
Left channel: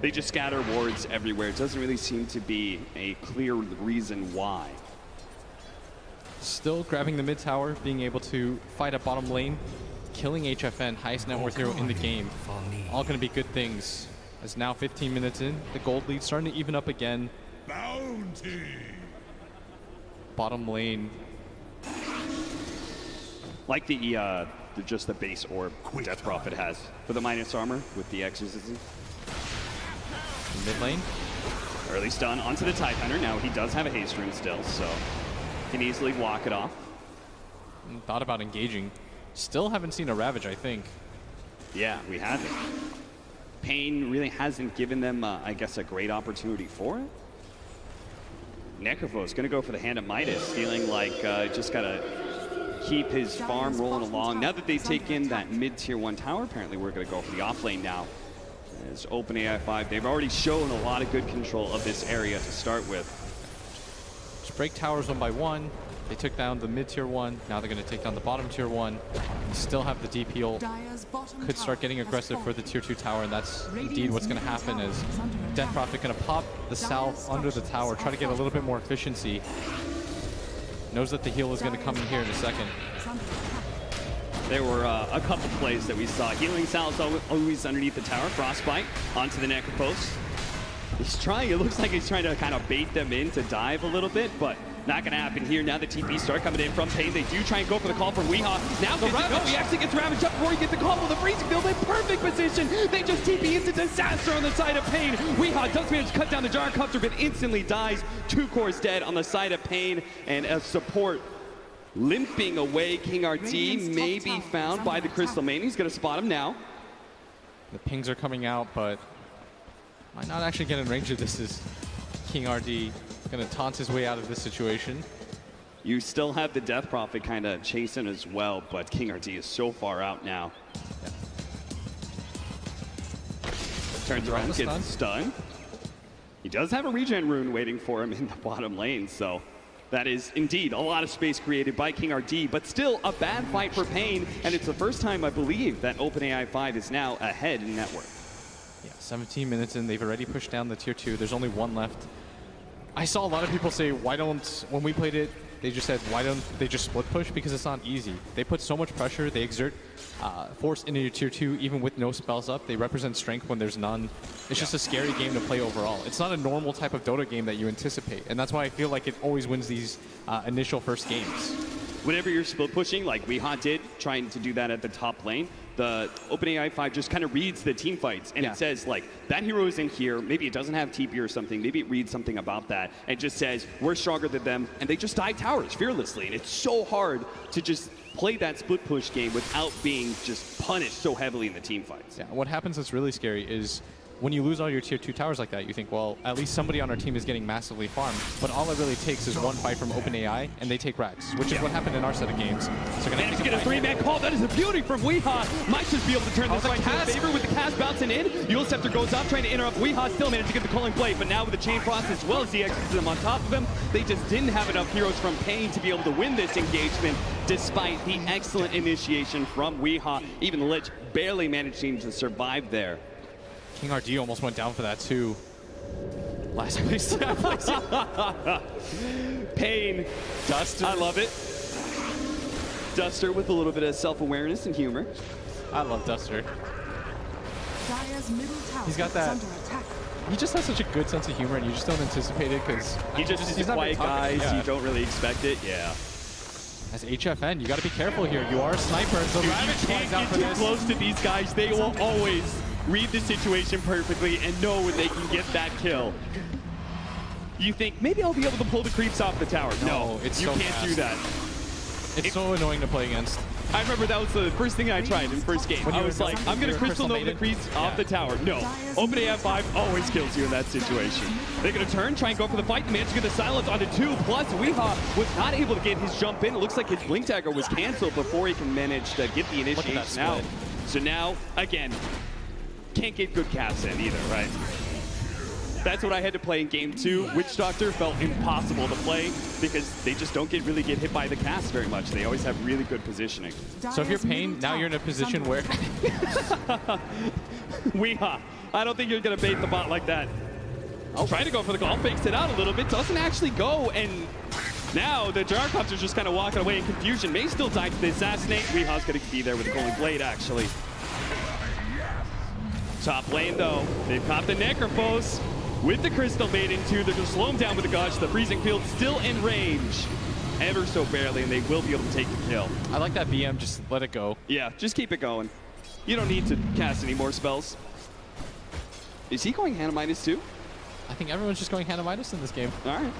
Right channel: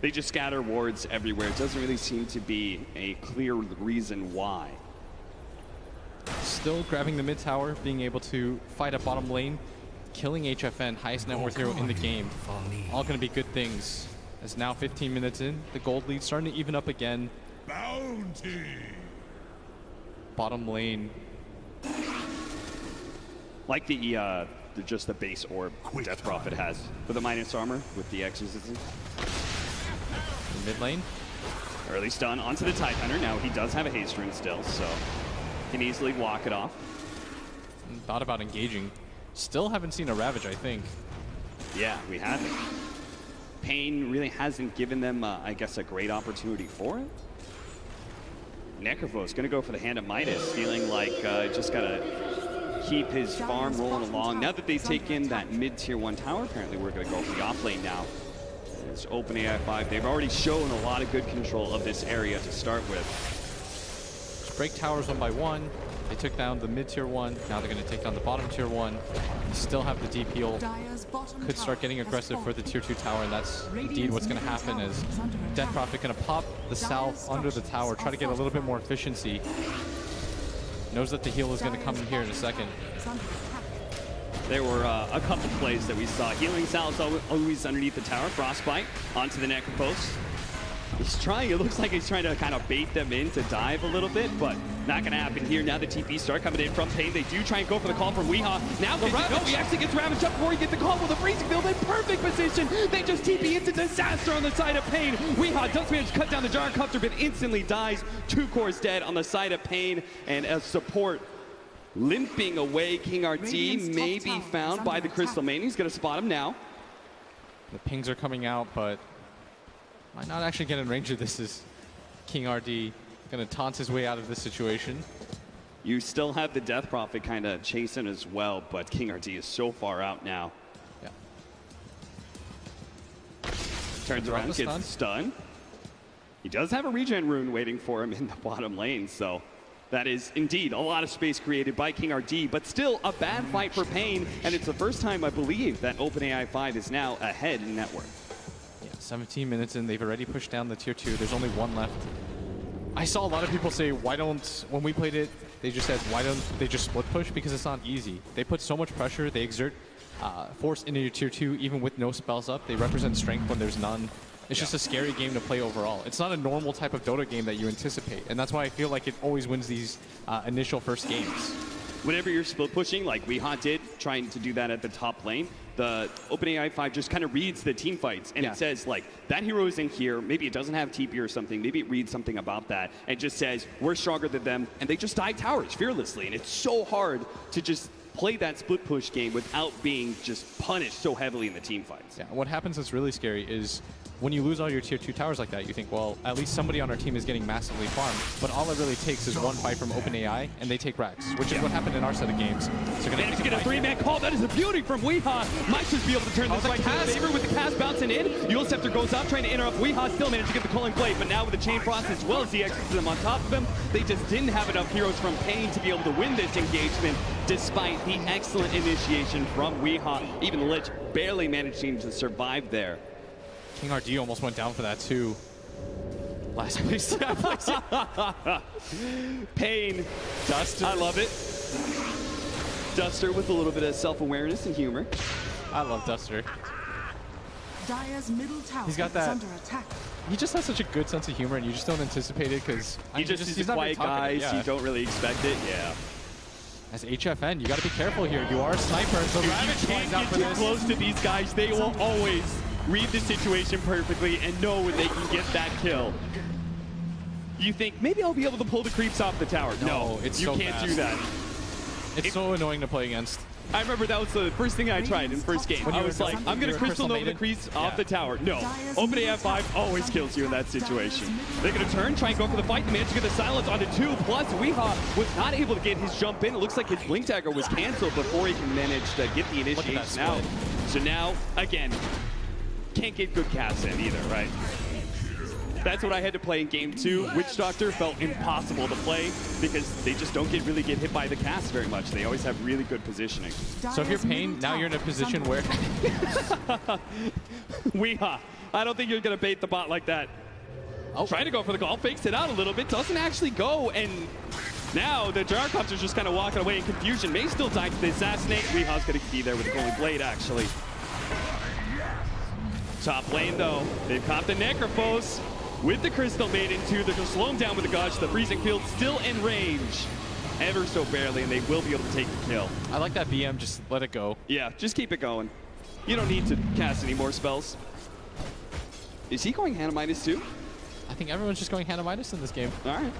They just scatter wards everywhere. It doesn't really seem to be a clear reason why. Still grabbing the mid tower, being able to fight at bottom lane, killing HFN, highest net worth hero in the game. All going to be good things. As now 15 minutes in, the gold lead starting to even up again. Bounty. Bottom lane. Like just the base orb Death Prophet has for the minus armor with the exorcism. In mid lane. Early stun onto the Tidehunter. Now he does have a haste rune still, so can easily walk it off. And thought about engaging. Still haven't seen a Ravage, I think. Yeah, we haven't. paiN really hasn't given them, I guess, a great opportunity for it. Necropos going to go for the Hand of Midas, feeling like just got to keep his farm rolling along. Now that they've taken that mid-tier 1 tower, apparently we're going to go for the off lane now. It's OpenAI5. They've already shown a lot of good control of this area to start with. Just break towers one by one. They took down the mid-tier 1. Now they're going to take down the bottom tier 1. They still have the deep heal. Could start getting aggressive for the tier 2 tower, and that's indeed what's going to happen. Is Death Prophet going to pop the south under the tower, try to get a little bit more efficiency. Knows that the heal is going to come in here in a second. There were a couple plays that we saw. Healing Sal's always underneath the tower. Frostbite onto the Necropost. He's trying, it looks like he's trying to kind of bait them in to dive a little bit, but not going to happen here. Now the TP start coming in from paiN. They do try and go for the call from Weehaw. Now the Ravage. He actually gets ravaged up before he gets the call with a freezing field in perfect position. They just TP into disaster on the side of paiN. Weehaw does manage to cut down the Gyrocopter, but instantly dies. 2 cores dead on the side of paiN, and as support limping away, King RT may be found by the Crystal Maiden. He's going to spot him now. The pings are coming out, but I'm not actually getting range of this. Is King RD going to taunt his way out of this situation? You still have the Death Prophet kind of chasing as well, but King RD is so far out now. Yeah. Turns around, gets stunned. He does have a regen rune waiting for him in the bottom lane, so that is indeed a lot of space created by King RD, but still a bad fight for paiN, and it's the first time I believe that OpenAI5 is now ahead in network. Yeah, 17 minutes in, they've already pushed down the tier 2. There's only 1 left. I saw a lot of people say, why don't, when we played it, they just said, why don't they just split push? Because it's not easy. They put so much pressure, they exert force into your tier 2, even with no spells up. They represent strength when there's none. It's just a scary game to play overall. It's not a normal type of Dota game that you anticipate, and that's why I feel like it always wins these initial first games. Whenever you're split pushing, like Weehaw did, trying to do that at the top lane, the OpenAI5 just kind of reads the team fights, and it says, like, that hero is in here, maybe it doesn't have TP or something, maybe it reads something about that, and just says, we're stronger than them, and they just dive towers fearlessly, and it's so hard to just play that split push game without being just punished so heavily in the team fights. Yeah, what happens that's really scary is when you lose all your tier 2 towers like that, you think, well, at least somebody on our team is getting massively farmed. But all it really takes is 1 fight from OpenAI, and they take racks, which is what happened in our set of games. So we're going to get a 3-man call. That is a beauty from Weehaw. Might just be able to turn this fight to his favor with the cast bouncing in. Yule Scepter goes up, trying to interrupt. Weehaw still managed to get the calling blade, but now with the Chain Frost as well as the Exorcism on top of him, they just didn't have enough heroes from paiN to be able to win this engagement, despite the excellent initiation from Weehaw. Even the Lich barely managing to survive there. King RD almost went down for that too. Last place. paiN. Duster. I love it. Duster with a little bit of self-awareness and humor. I love Duster. He's got that. He just has such a good sense of humor, and you just don't anticipate it because he's a quiet guy, so you don't really expect it. Yeah. As HFN, you got to be careful here. You are a sniper. So you can't get too close to these guys. They will always read the situation perfectly and know when they can get that kill. You think, maybe I'll be able to pull the creeps off the tower. No, it's you so can't fast. do that. It's so annoying to play against. I remember that was the first thing I tried in the first game. I was like, I'm going to Crystal Nova the creeps off the tower. No. OpenAI5 always kills you in that situation. They're going to turn, try and go for the fight. Manage to get the silence onto 2. Plus, Weehaw was not able to get his jump in. It looks like his Blink Dagger was canceled before he can manage to get the initiation out. So now, again, can't get good casts in either, right? That's what I had to play in game 2. Witch Doctor felt impossible to play because they just don't really get hit by the cast very much. They always have really good positioning. So if you're paiN, now you're in a position where Weehaw, I don't think you're going to bait the bot like that. I'll try to go for the call, fakes it out a little bit, doesn't actually go, and now the Gyrocopter's just kind of walking away in confusion. May still die to the assassinate. Weehaw's going to be there with a golden blade, actually. Top lane, though, they've caught the Necrophos with the Crystal Maiden, too. They're going to slow him down with the Gush. The Freezing Field still in range, ever so barely, and they will be able to take the kill. I like that BM, just let it go. Yeah, just keep it going. You don't need to cast any more spells. Is he going Hanamitis, too? I think everyone's just going Hanamitis in this game. All right.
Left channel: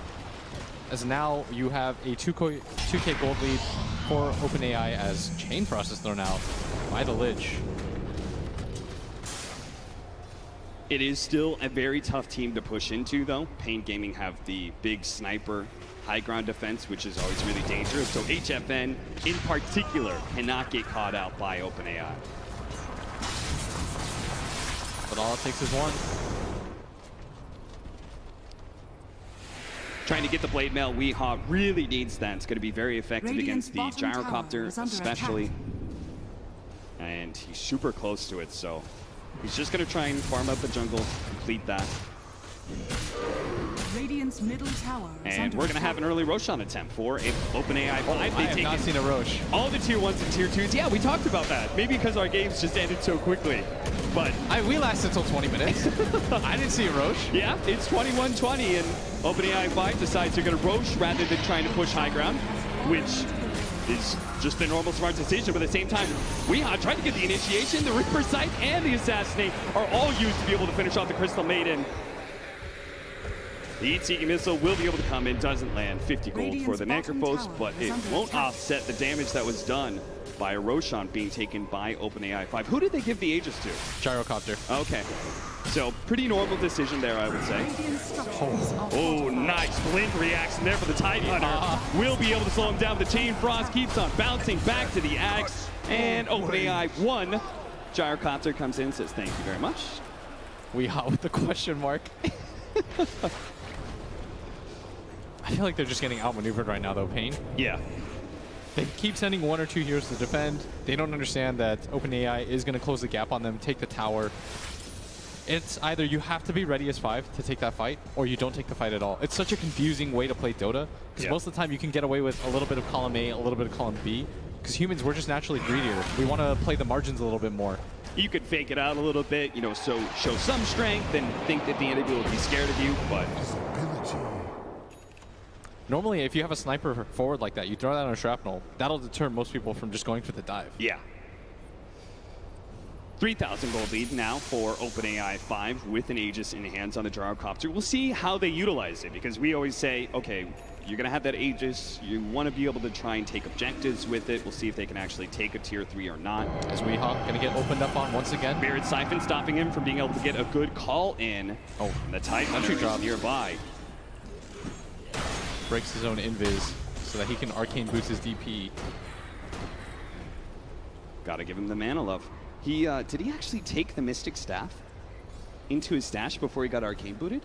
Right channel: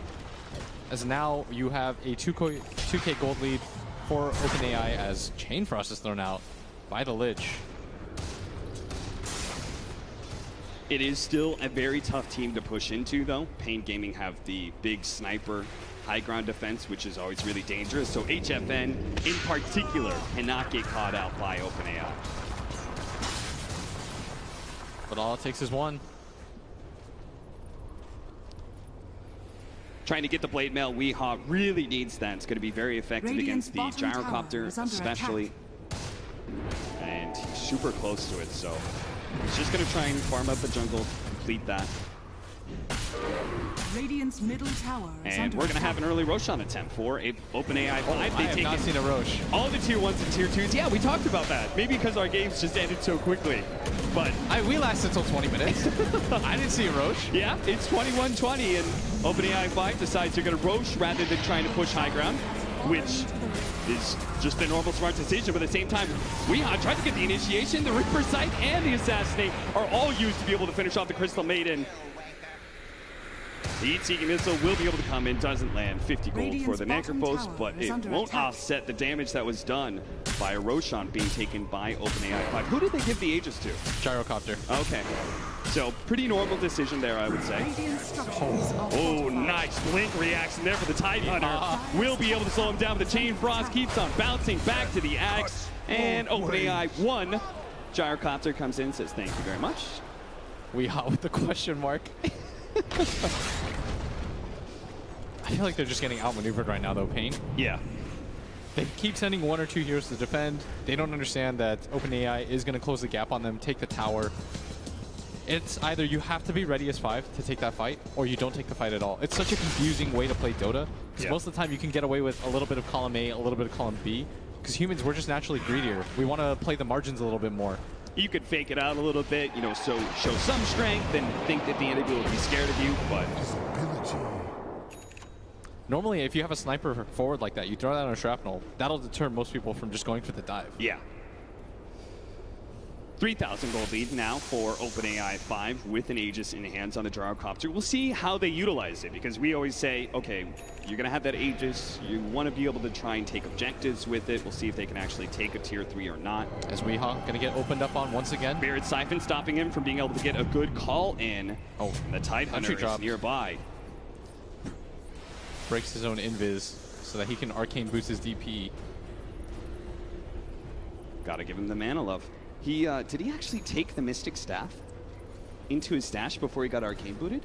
As now you have a 2K gold lead for OpenAI as Chain Frost is thrown out by the Lich. It is still a very tough team to push into, though. paiN Gaming have the big sniper high ground defense, which is always really dangerous. So HFN, in particular, cannot get caught out by OpenAI. But all it takes is 1. Trying to get the Blade Mail, Weehaw really needs that. It's going to be very effective against the Gyrocopter, especially. And he's super close to it, so he's just going to try and farm up the jungle, complete that. Radiant's middle tower is And under we're going to attack. have an early Roshan attempt for OpenAI5. I have not seen a Rosh. all the tier 1s and tier 2s. Yeah, we talked about that. Maybe because our games just ended so quickly. But We lasted until 20 minutes. I didn't see a Rosh. yeah, it's 21-20, and OpenAI5 decides they're going to Rosh rather than trying to push high ground, which is just a normal smart decision. But at the same time, we tried to get the initiation, the Reaper Sight, and the Assassinate are all used to be able to finish off the Crystal Maiden. The Heat-Seeking Missile will be able to come in, doesn't land. 50 gold for the Necrophos, but it won't offset the damage that was done by a Roshan being taken by OpenAI5. Who did they give the Aegis to? Gyrocopter. Okay. So, pretty normal decision there, I would say. Radiant structures are Oh, nice blink reaction there for the Tide Hunter. Will be able to slow him down. The Chain Frost keeps on bouncing back to the Axe. And OpenAI 1. Gyrocopter comes in and says, thank you very much. We hot with the question mark. I feel like they're just getting outmaneuvered right now, though, paiN. Yeah. They keep sending 1 or 2 heroes to defend. They don't understand that OpenAI is going to close the gap on them, take the tower. It's either you have to be ready as 5 to take that fight, or you don't take the fight at all. It's such a confusing way to play Dota, because most of the time you can get away with a little bit of column A, a little bit of column B, because humans, we're just naturally greedier. We want to play the margins a little bit more. You could fake it out a little bit, you know, so show some strength and think that the enemy will be scared of you, but Normally, if you have a sniper forward like that, you throw that on a shrapnel, that'll deter most people from just going for the dive. yeah. 3,000 gold lead now for OpenAI5 with an Aegis in hands on the Gyrocopter. We'll see how they utilize it, because we always say, okay, you're going to have that Aegis. You want to be able to try and take objectives with it. We'll see if they can actually take a tier 3 or not. As Weehawk going to get opened up on once again. Buried Siphon stopping him from being able to get a good call in. Oh, and the Tide Hunter is nearby. Breaks his own invis so that he can arcane boost his DP. Gotta give him the mana love. He did he actually take the Mystic Staff into his stash before he got arcane booted?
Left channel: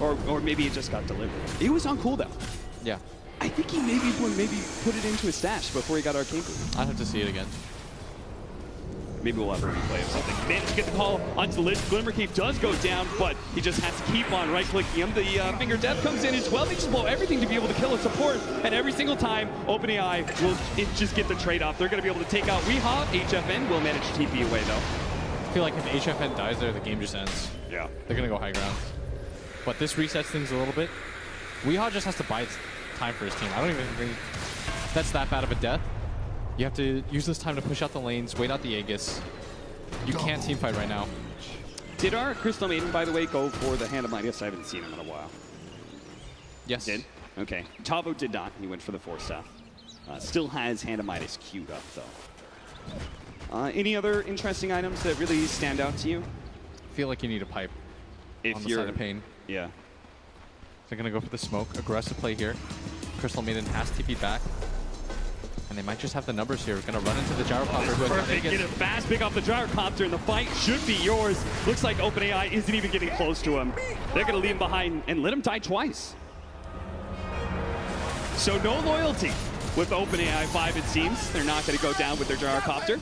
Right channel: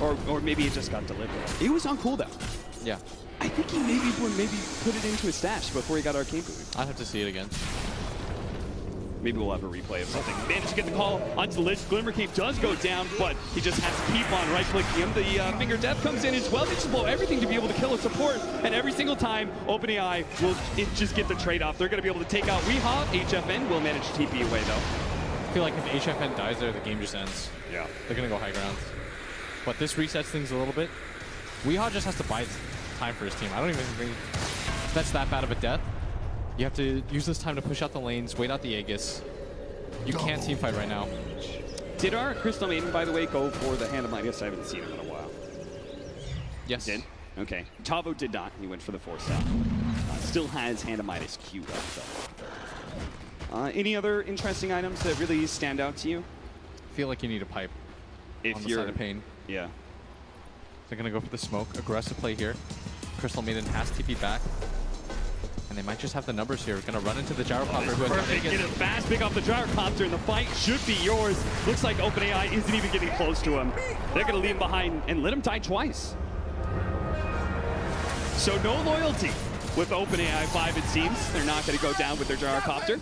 Or maybe it just got delivered. It was on cooldown. Yeah. I think he maybe put it into his stash before he got arcane booted. I'll have to see it again. Maybe we'll have a replay of something. Managed to get the call onto the list. Glimmer Cape does go down, but he just has to keep on right-clicking him. The Finger Death comes in as well. They just blow everything to be able to kill a support. And every single time, OpenAI will just get the trade-off. They're going to be able to take out Weehawk. HFN will manage to TP away, though. I feel like if HFN dies there, the game just ends. Yeah. They're going to go high ground. But this resets things a little bit. Weehawk just has to buy time for his team. I don't even think that's that bad of a death. You have to use this time to push out the lanes, wait out the Aegis. You can't teamfight right now. Did our Crystal Maiden, by the way, go for the Hand of Midas? I haven't seen him in a while. Yes. Did? Okay. Tavo did not. He went for the 4-staff. Still has Hand of Midas queued up, though. Any other interesting items that really stand out to you? I feel like you need a pipe on the side of paiN. Yeah. They're going to go for the smoke. Aggressive play here. Crystal Maiden has TP back. And they might just have the numbers here. We're going to run into the Gyrocopter. Who has Perfect. Get a fast pick off the Gyrocopter, and the fight should be yours. Looks like OpenAI isn't even getting close to him. They're going to leave him behind and let him die twice. So no loyalty with OpenAI5, it seems. They're not going to go down with their Gyrocopter.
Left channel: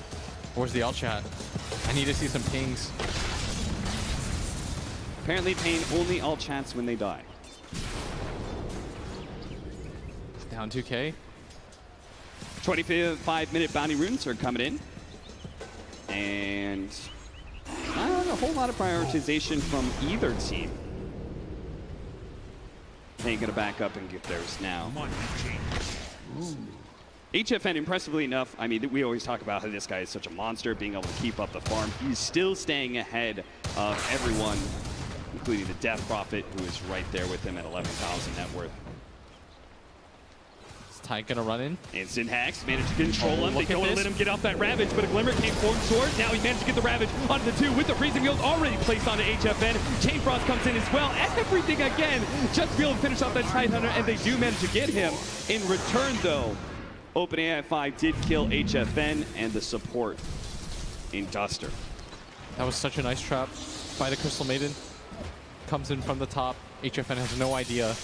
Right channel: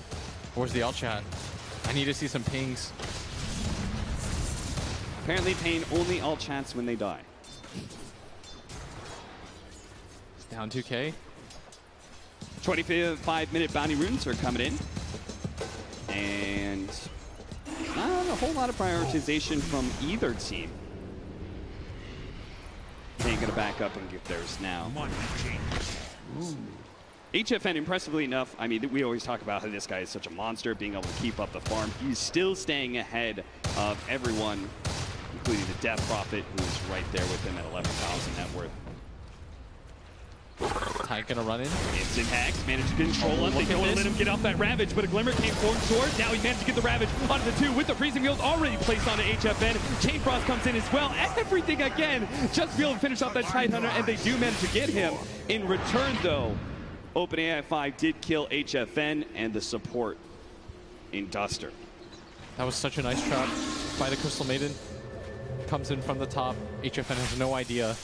Where's the alt chat? I need to see some pings. Apparently paiN only alt chats when they die. It's down 2K. 25-minute bounty runes are coming in. And not a whole lot of prioritization from either team. They're going to back up and get theirs now. HFN, impressively enough, I mean, we always talk about how this guy is such a monster, being able to keep up the farm. He's still staying ahead of everyone, including the Death Prophet, who is right there with him at 11,000 net worth. Tide gonna run in. Instant hacks, managed to control him. They don't want to let him get off that Ravage, but a Glimmer came forward sword. Now he managed to get the Ravage onto the 2 with the freezing field already placed onto HFN. Chain Frost comes in as well. Everything again, just to be able to finish off that Tide Hunter, and they do manage to get him. In return, though, OpenAI5 did kill HFN and the support in Duster. That was such a nice trap by the Crystal Maiden. Comes in from the top. HFN has no idea.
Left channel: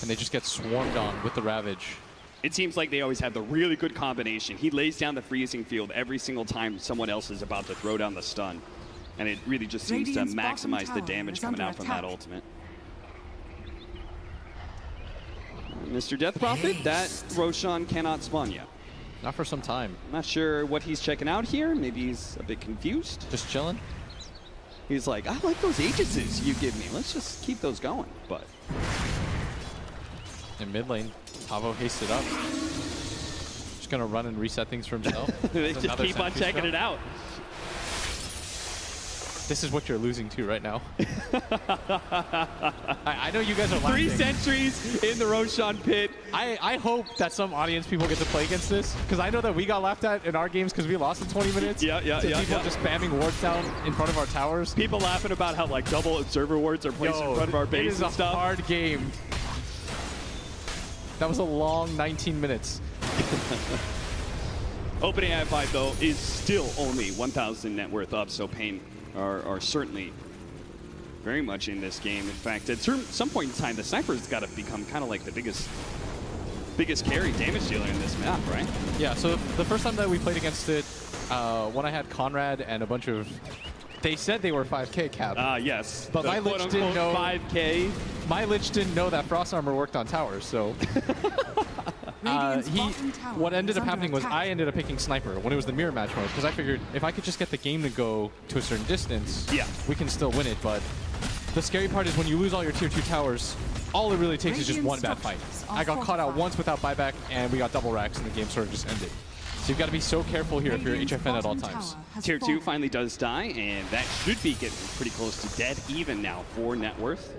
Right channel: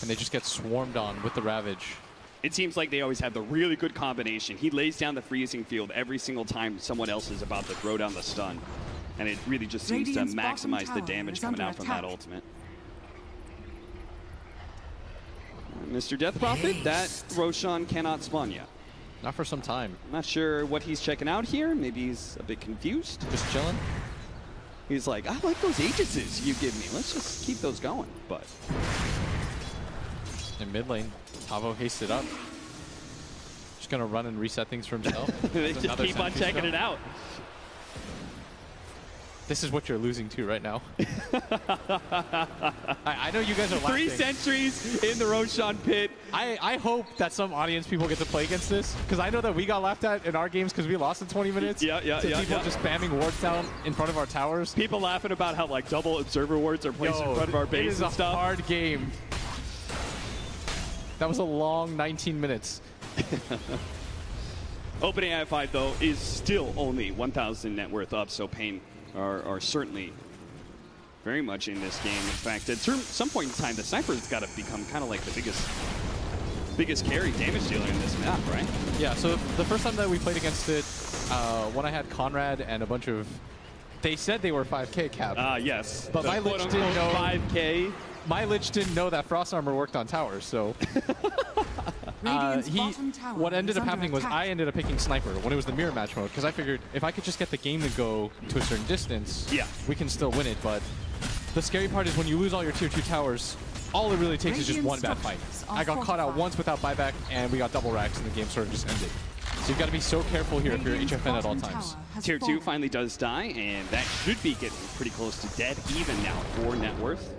And they just get swarmed on with the Ravage. It seems like they always have the really good combination. He lays down the freezing field every single time someone else is about to throw down the stun. And it really just seems to maximize the damage coming out from that ultimate. Mr. Death Prophet, that Roshan cannot spawn yet. Not for some time. Not sure what he's checking out here. Maybe he's a bit confused. Just chilling. He's like, I like those Aegises you give me. Let's just keep those going. But in mid lane, Pavo hasted up. Just gonna run and reset things for himself. just keep on checking it out. This is what you're losing to right now. I know you guys are laughing. 3 sentries in the Roshan pit. I hope that some audience people get to play against this, because I know that we got laughed at in our games because we lost in 20 minutes. Yeah. People just spamming wards down in front of our towers. People laughing about how like double observer wards are placed in front of our base and stuff. It is a hard game. That was a long 19 minutes. OpenAI5 though is still only 1,000 net worth up, so paiN are certainly very much in this game. In fact, at some point in time, the sniper's got to become kind of like the biggest carry damage dealer in this map, right? Yeah, so the first time that we played against it, when I had Conrad and a bunch of... They said they were 5k cap. Yes. But my Lich didn't know... 5k. My Lich didn't know that Frost Armor worked on towers, so... What ended up happening was I ended up picking Sniper when it was the mirror match mode, because I figured if I could just get the game to go to a certain distance, we can still win it. But the scary part is when you lose all your tier 2 towers, all it really takes is just one bad fight. I got caught out once without buyback, and we got double racks, and the game sort of just ended. So you've got to be so careful here if you're HFN at all times. Tier 2 finally does die, and that should be getting pretty close to dead even now for net worth.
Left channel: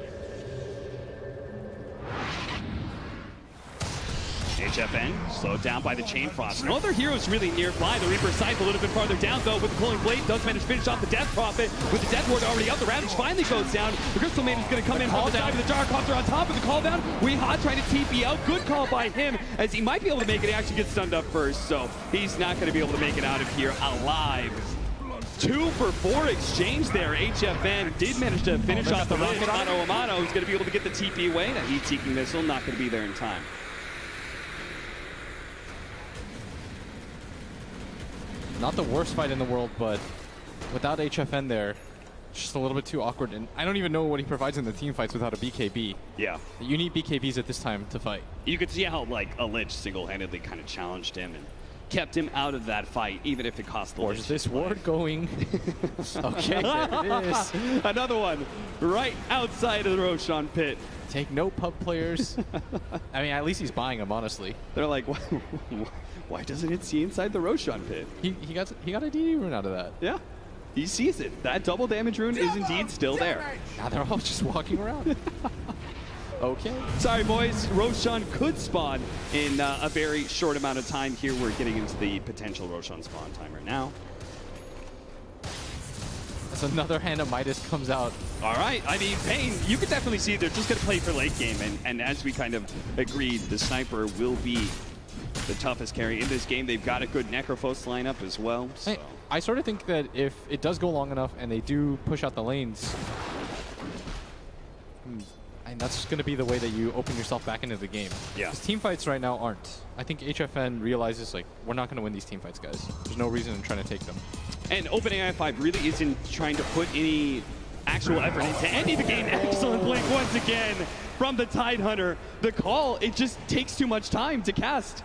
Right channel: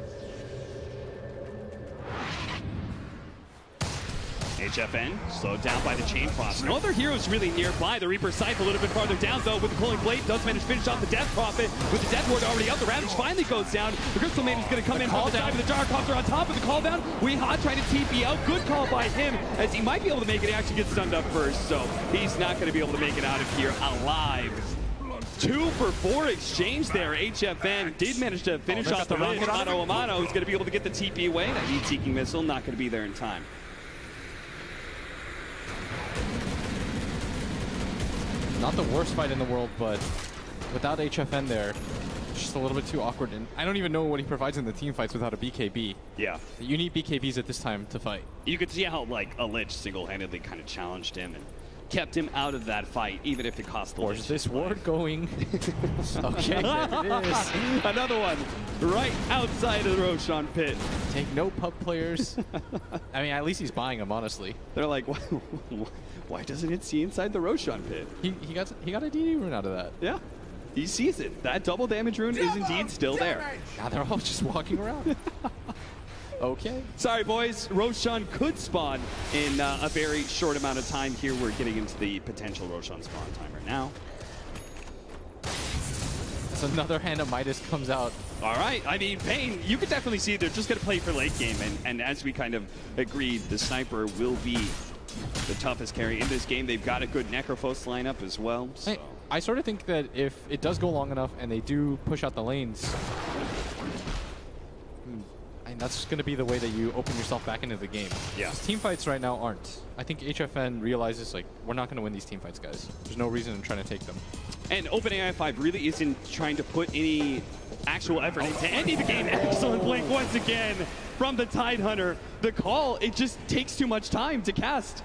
HFN slowed down by the Chain Frost. No other heroes really nearby. The Reaper Scythe a little bit farther down, though, with the Pulling Blade. Does manage to finish off the Death Prophet with the Death Ward already up. The Ravage finally goes down. The Crystal Man is going to come in from the side with the Gyrocopter on top of the call down. Weehaw trying to TP out. Good call by him, as he might be able to make it. He actually gets stunned up first, so he's not going to be able to make it out of here alive. 2 for 4 exchange there. HFN did manage to finish off the run. Amano is going to be able to get the TP away. That heat-seeking missile not going to be there in time. Not the worst fight in the world, but without HFN there, it's just a little bit too awkward. And I don't even know what he provides in the team fights without a BKB. Yeah. You need BKBs at this time to fight. You could see how, like, a Lich single-handedly kind of challenged him and kept him out of that fight, even if it cost the Lich. Where's this ward going? Okay, there it is. Another one right outside of the Roshan pit. Take no pub players. I mean, at least he's buying them, honestly. They're like, why doesn't it see inside the Roshan pit? He got a DD rune out of that. Yeah. He sees it. That double damage rune is indeed still there. Now they're all just walking around. Okay. Sorry, boys. Roshan could spawn in a very short amount of time here. We're getting into the potential Roshan spawn time right now. So another Hand of Midas comes out. All right. I mean, paiN, you could definitely see they're just going to play for late game. And as we kind of agreed, the Sniper will be the toughest carry in this game. They've got a good Necrophos lineup as well. So. Hey, I sort of think that if it does go long enough and they do push out the lanes, and that's going to be the way that you open yourself back into the game. Yeah. Because team fights right now aren't. I think HFN realizes, like, we're not going to win these team fights, guys. There's no reason in trying to take them. And OpenAI5 really isn't trying to put any actual effort into ending the game. Excellent blink once again from the Tidehunter. The call, it just takes too much time to cast.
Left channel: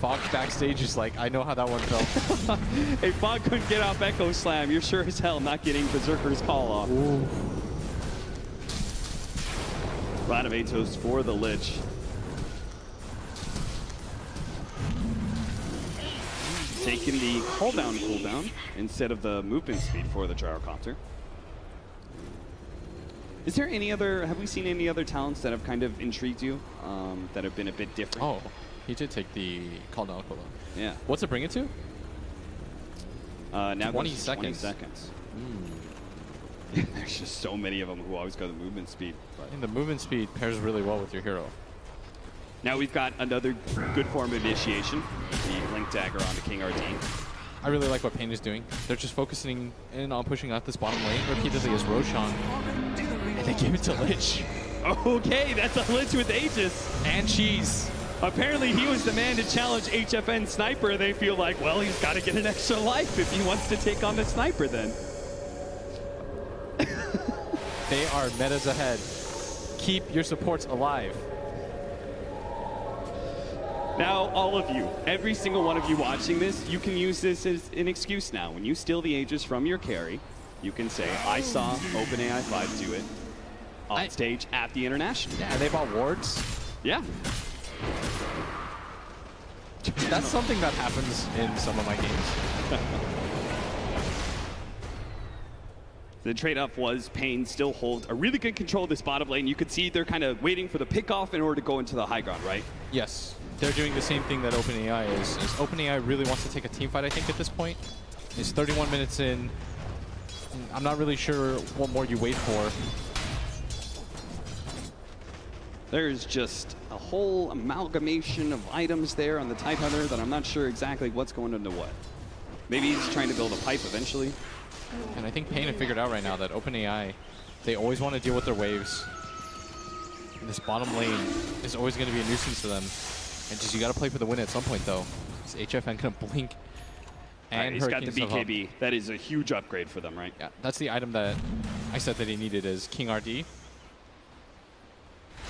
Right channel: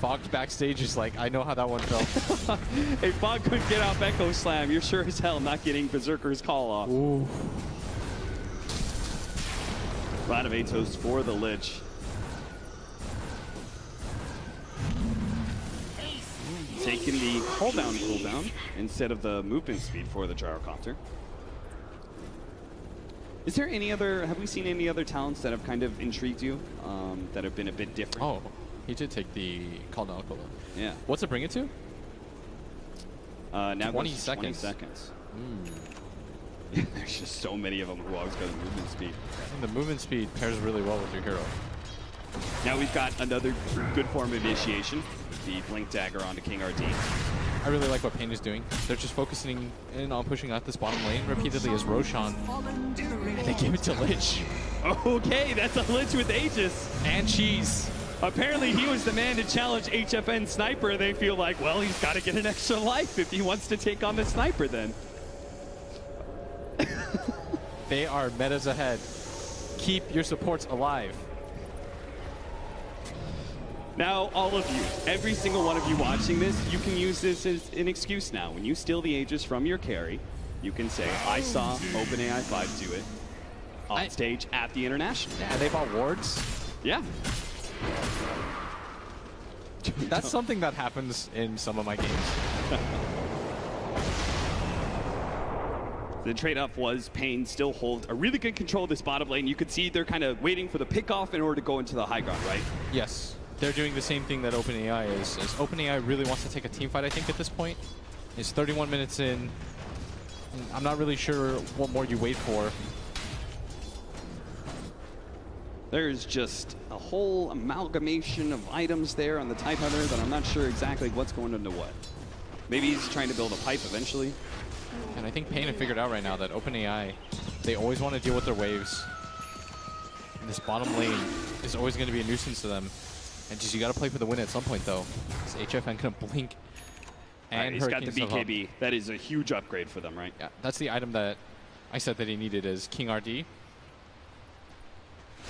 Fog backstage is like, I know how that one felt. If Fog couldn't get off Echo Slam, you're sure as hell not getting Berserker's call off. Ooh. Round of Atos for the Lich. Taking the cooldown instead of the movement speed for the Gyrocopter. Is there any other, have we seen any other talents that have kind of intrigued you, that have been a bit different? Oh, he did take the cooldown cooldown. Yeah. What's it bring it to? Now 20 seconds. 20 seconds. There's just so many of them who always got a movement speed. And the movement speed pairs really well with your hero. Now we've got another good form of initiation, the Blink Dagger onto King RD. I really like what paiN is doing. They're just focusing in on pushing out this bottom lane repeatedly as Roshan. And they gave it to Lich. Okay, that's a Lich with Aegis. And cheese. Apparently he was the man to challenge HFN Sniper. They feel like, well, he's got to get an extra life if he wants to take on the Sniper then. They are metas ahead. Keep your supports alive. Now, all of you, every single one of you watching this, you can use this as an excuse now. When you steal the Aegis from your carry, you can say, I saw OpenAI5 do it on stage at the International. Yeah, they bought wards. Yeah. That's something that happens in some of my games. The trade-off was paiN still holds a really good control of this bottom lane. You could see they're kind of waiting for the pick-off in order to go into the high ground, right? Yes. They're doing the same thing that OpenAI is. OpenAI really wants to take a team fight, I think, at this point. It's 31 minutes in. I'm not really sure what more you wait for. There's just a whole amalgamation of items there on the Tidehunter that I'm not sure exactly what's going into what. Maybe he's trying to build a pipe eventually. And I think paiN have figured out right now that OpenAI, they always want to deal with their waves. This bottom lane is always going to be a nuisance to them. And just, you got to play for the win at some point, though. This HFN can blink. And he's got the Hurricanes have BKB. That is a huge upgrade for them, right? Yeah, that's the item that I said that he needed is King RD.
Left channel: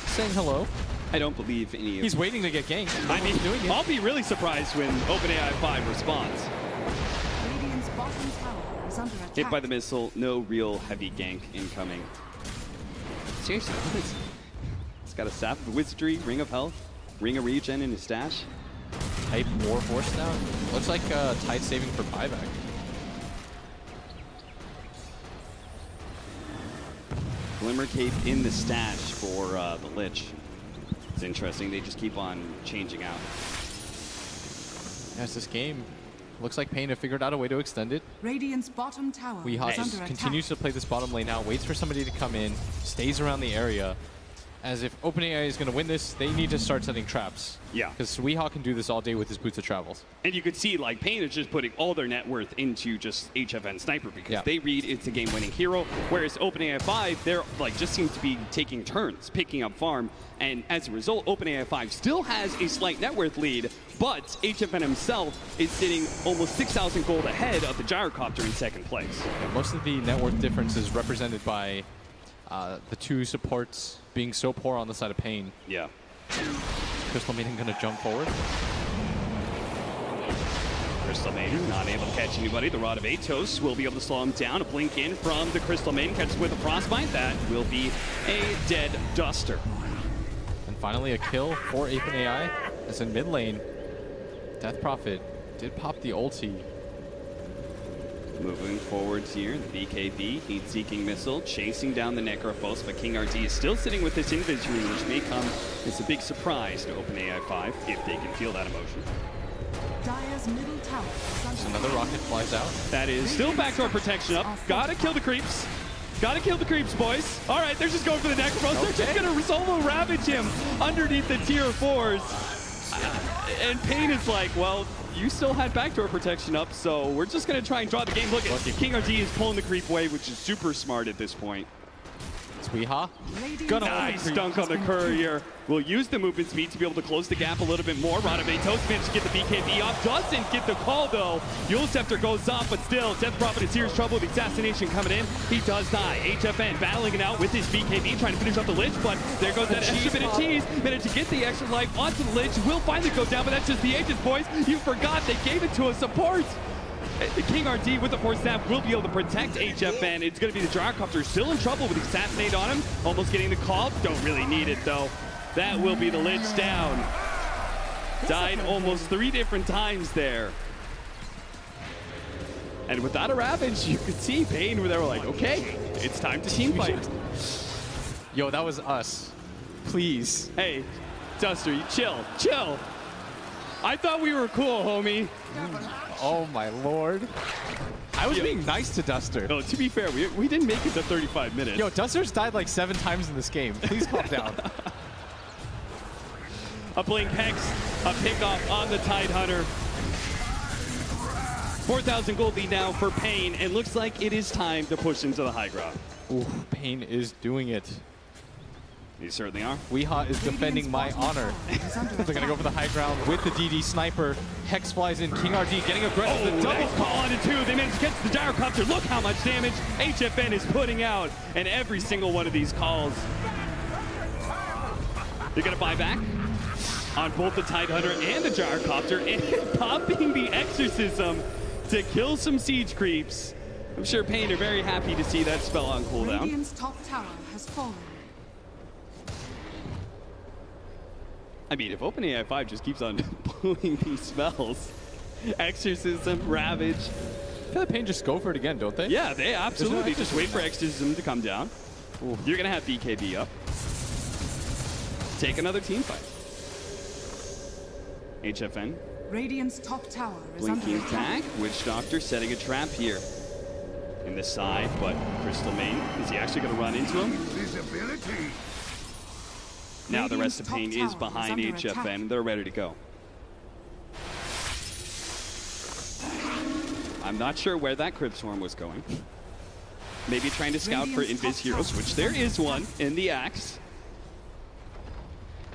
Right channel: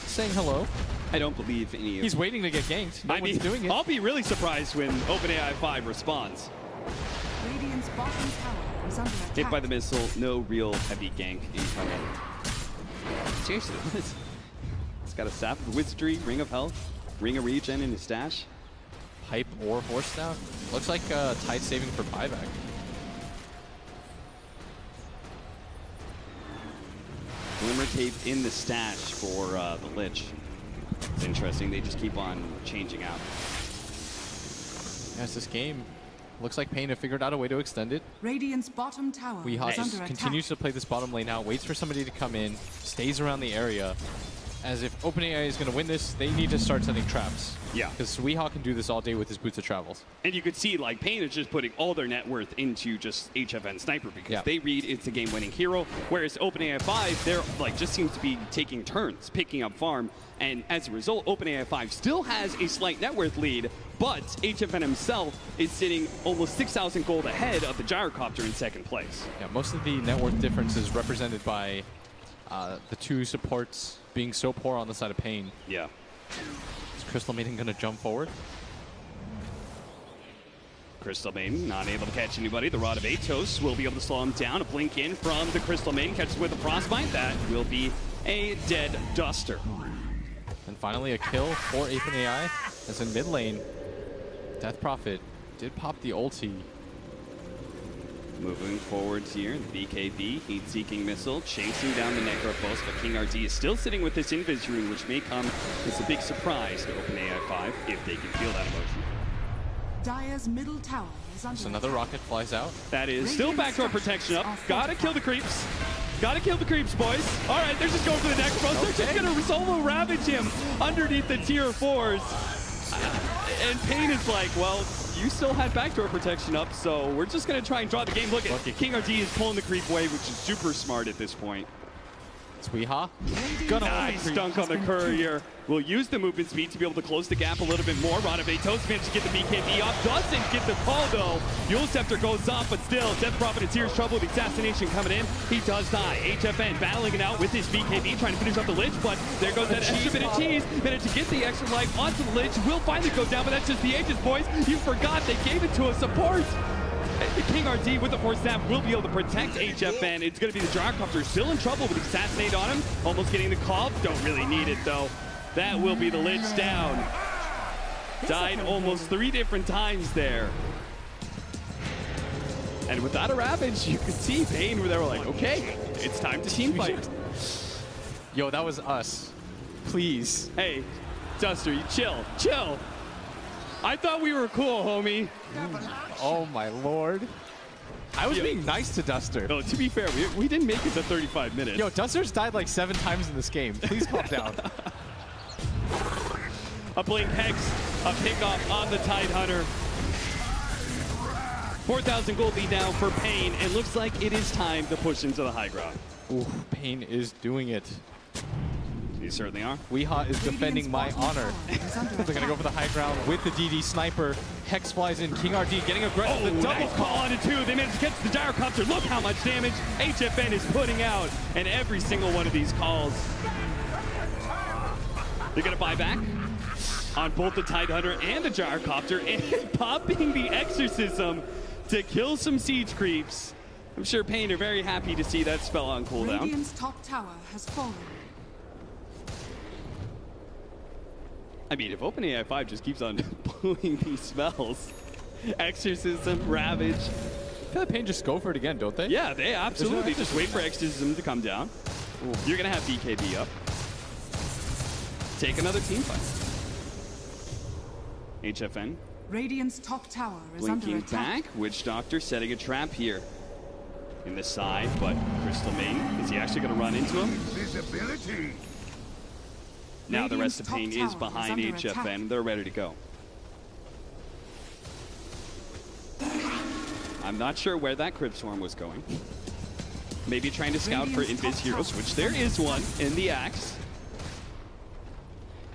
Saying hello. I don't believe any of He's waiting to get ganked. I mean, doing it. I'll be really surprised when OpenAI5 responds. Radiant's bottom tower is under attack. Hit by the missile, no real heavy gank incoming. Seriously, he's got a Sap of Wizardry, Ring of Health, Ring of Regen in his stash. Type War Horse now. Looks like Tide saving for buyback. Glimmer Cape in the stash for the Lich. It's interesting, they just keep on changing out. That's this game. Looks like paiN have figured out a way to extend it. Radiant's bottom tower Weehaw is under continues to play this bottom lane out, waits for somebody to come in, stays around the area. As if OpenAI is going to win this, they need to start setting traps. Yeah. Because Weehaw can do this all day with his Boots of Travels. And you could see, like, paiN is just putting all their net worth into just HFN Sniper because they read it's a game-winning hero, whereas OpenAI5, they're, like, just seems to be taking turns, picking up farm, and as a result, OpenAI5 still has a slight net worth lead, but HFN himself is sitting almost 6,000 gold ahead of the Gyrocopter in second place. Yeah, most of the net worth difference is represented by the two supports being so poor on the side of paiN. Yeah. Crystal Maiden going to jump forward. Crystal Maiden not able to catch anybody. The Rod of Atos will be able to slow him down. A blink in from the Crystal Maiden. Catches with a Frostbite. That will be a dead Duster. And finally a kill for OpenAI. As in mid lane, Death Prophet did pop the ulti. Moving forwards here, the BKB, heat-seeking missile, chasing down the Necrophos, but King RD is still sitting with this Invis Rune, which may come as a big surprise to OpenAI5 if they can feel that emotion. Dire's middle tower is under So another rocket flies out. That is still backdoor protection up. Gotta kill the creeps. Gotta kill the creeps, boys. All right, they're just going for the Necrophos. They're just gonna solo ravage him underneath the tier 4s. And paiN is like, well, you still had backdoor protection up, so we're just going to try and draw the game. Look at King RD is pulling the creep away, which is super smart at this point. It's Weehaw. Nice dunk on the courier. Will use the movement speed to be able to close the gap a little bit more. Rod of Atos managed to get the BKB off. Doesn't get the call, though. Yule Scepter goes off, but still, Death Prophet in serious trouble with the assassination coming in. He does die. HFN battling it out with his BKB, trying to finish up the Lich, but there goes that extra bit of cheese. Managed to get the extra life onto the Lich. Will finally go down, but that's just the Aegis, boys. You forgot they gave it to a support. The King RD with the force snap will be able to protect HFN. It's going to be the Gyrocopter still in trouble with Assassinate on him. Almost getting the call. Don't really need it, though. That will be the Lich down. Died almost 3 different times there. And without a Ravage, you could see paiN where they were like, okay, it's time to team fight. Yo, that was us. Please. Hey, Duster, you chill. Chill. I thought we were cool, homie. Oh, my lord. I was being nice to Duster. No, to be fair, we didn't make it to 35 minutes. Yo, Duster's died like 7 times in this game. Please calm down. A Blink Hex, a pickoff on the Tidehunter. 4,000 gold lead now for paiN. It looks like it is time to push into the high ground. Ooh, paiN is doing it. You certainly are. Weehaw is defending my honor. They're going to go for the high ground with the DD Sniper. Hex flies in. King RD getting aggressive. Oh, double call on it, too. They managed to catch the Gyrocopter. Look how much damage HFN is putting out. And every single one of these calls. They're going to buy back. on both the Tidehunter and the Gyrocopter, and popping the Exorcism to kill some siege creeps. I'm sure paiN are very happy to see that spell on cooldown. Radiant's top tower has fallen. I mean, if OpenAI5 just keeps on blowing these spells, Exorcism, Ravage. I feel like paiN just go for it again, don't they? Yeah, they absolutely just wait for Exorcism to come down. Ooh. You're going to have BKB up. Take another team fight. HFN. Radiant's top tower is under Blinking attack. back. Witch Doctor setting a trap here. In the side, but Crystal Main, is he actually going to run into him? Now the rest of paiN is behind HFN. They're ready to go. I'm not sure where that Crypt Swarm was going. Maybe trying to scout for Invis heroes, which there is one in the Axe.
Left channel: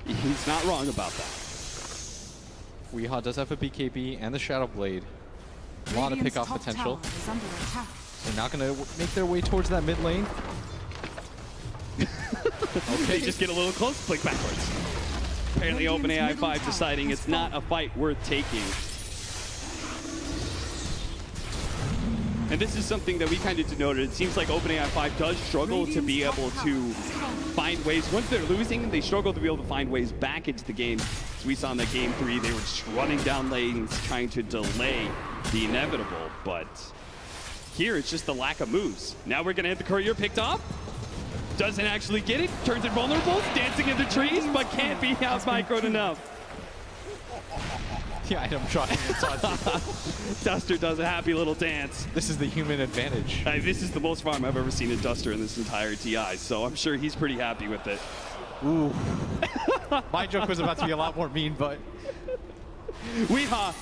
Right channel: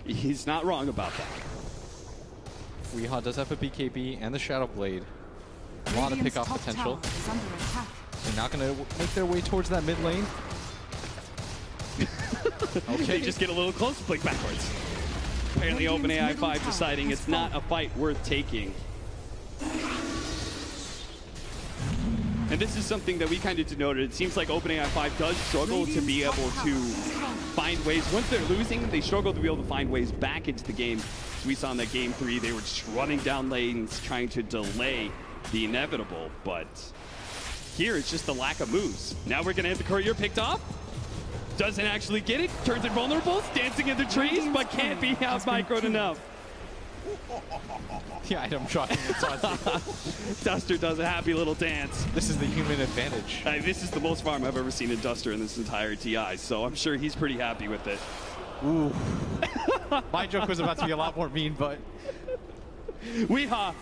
He's not wrong about that. Weehaw does have a BKB and the Shadow Blade. A lot of pick-off potential. They're not going to make their way towards that mid lane. Okay, just get a little close, click backwards. Apparently OpenAI5 deciding it's not a fight worth taking. And this is something that we kind of denoted. It seems like OpenAI5 does struggle to be able to find ways. Once they're losing, they struggle to be able to find ways back into the game. We saw in that game 3, they were just running down lanes, trying to delay the inevitable, but here it's just the lack of moves. Now we're gonna hit the courier, picked off. Doesn't actually get it, turns it vulnerable, dancing in the trees, but can't be out microed enough. Yeah, I'm trying. Duster does a happy little dance. This is the human advantage. This is the most farm I've ever seen in Duster in this entire TI, so I'm sure he's pretty happy with it. Ooh. My joke was about to be a lot more mean, but... Weehaw.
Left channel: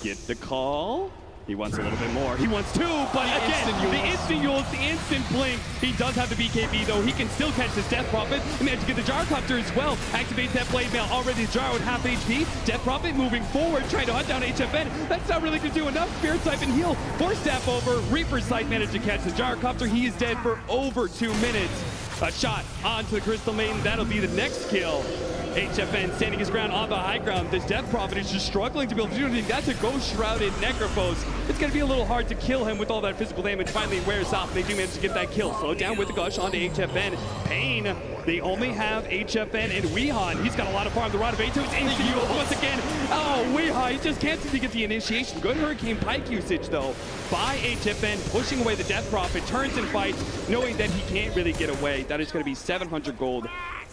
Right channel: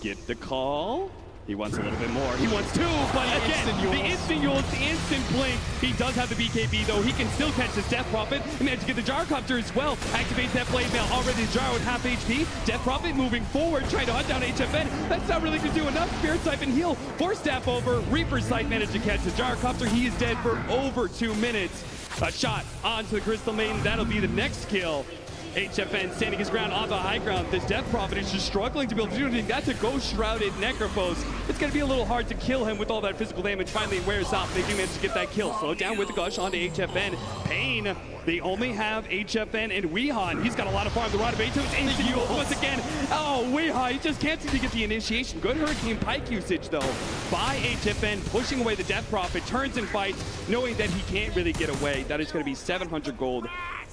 Get the call. He wants a little bit more. He wants 2, but again, the instant ult, the instant blink. He does have the BKB, though. He can still catch his Death Prophet. And managed to get the Gyrocopter as well. Activates that blade mail. Already Jar with half HP. Death Prophet moving forward, trying to hunt down HFN. That's not really going to do enough. Spirit type and heal. Force staff over. Reaper's Sight managed to catch the Gyrocopter. He is dead for over 2 minutes. A shot onto the Crystal Maiden. That'll be the next kill. HFN standing his ground on the high ground. This Death Prophet is just struggling to be able to do anything. That's a Ghost-Shrouded Necrophos. It's going to be a little hard to kill him with all that physical damage. Finally wears off. They do manage to get that kill. Slow down with the Gush onto HFN. paiN, they only have HFN and Weehaw. He's got a lot of farm. The Rod of Atos instant once again. Oh, Weehaw, he just can't seem to get the initiation. Good Hurricane Pike usage, though, by HFN, pushing away the Death Prophet. Turns and fights, knowing that he can't really get away. That is going to be 700 gold.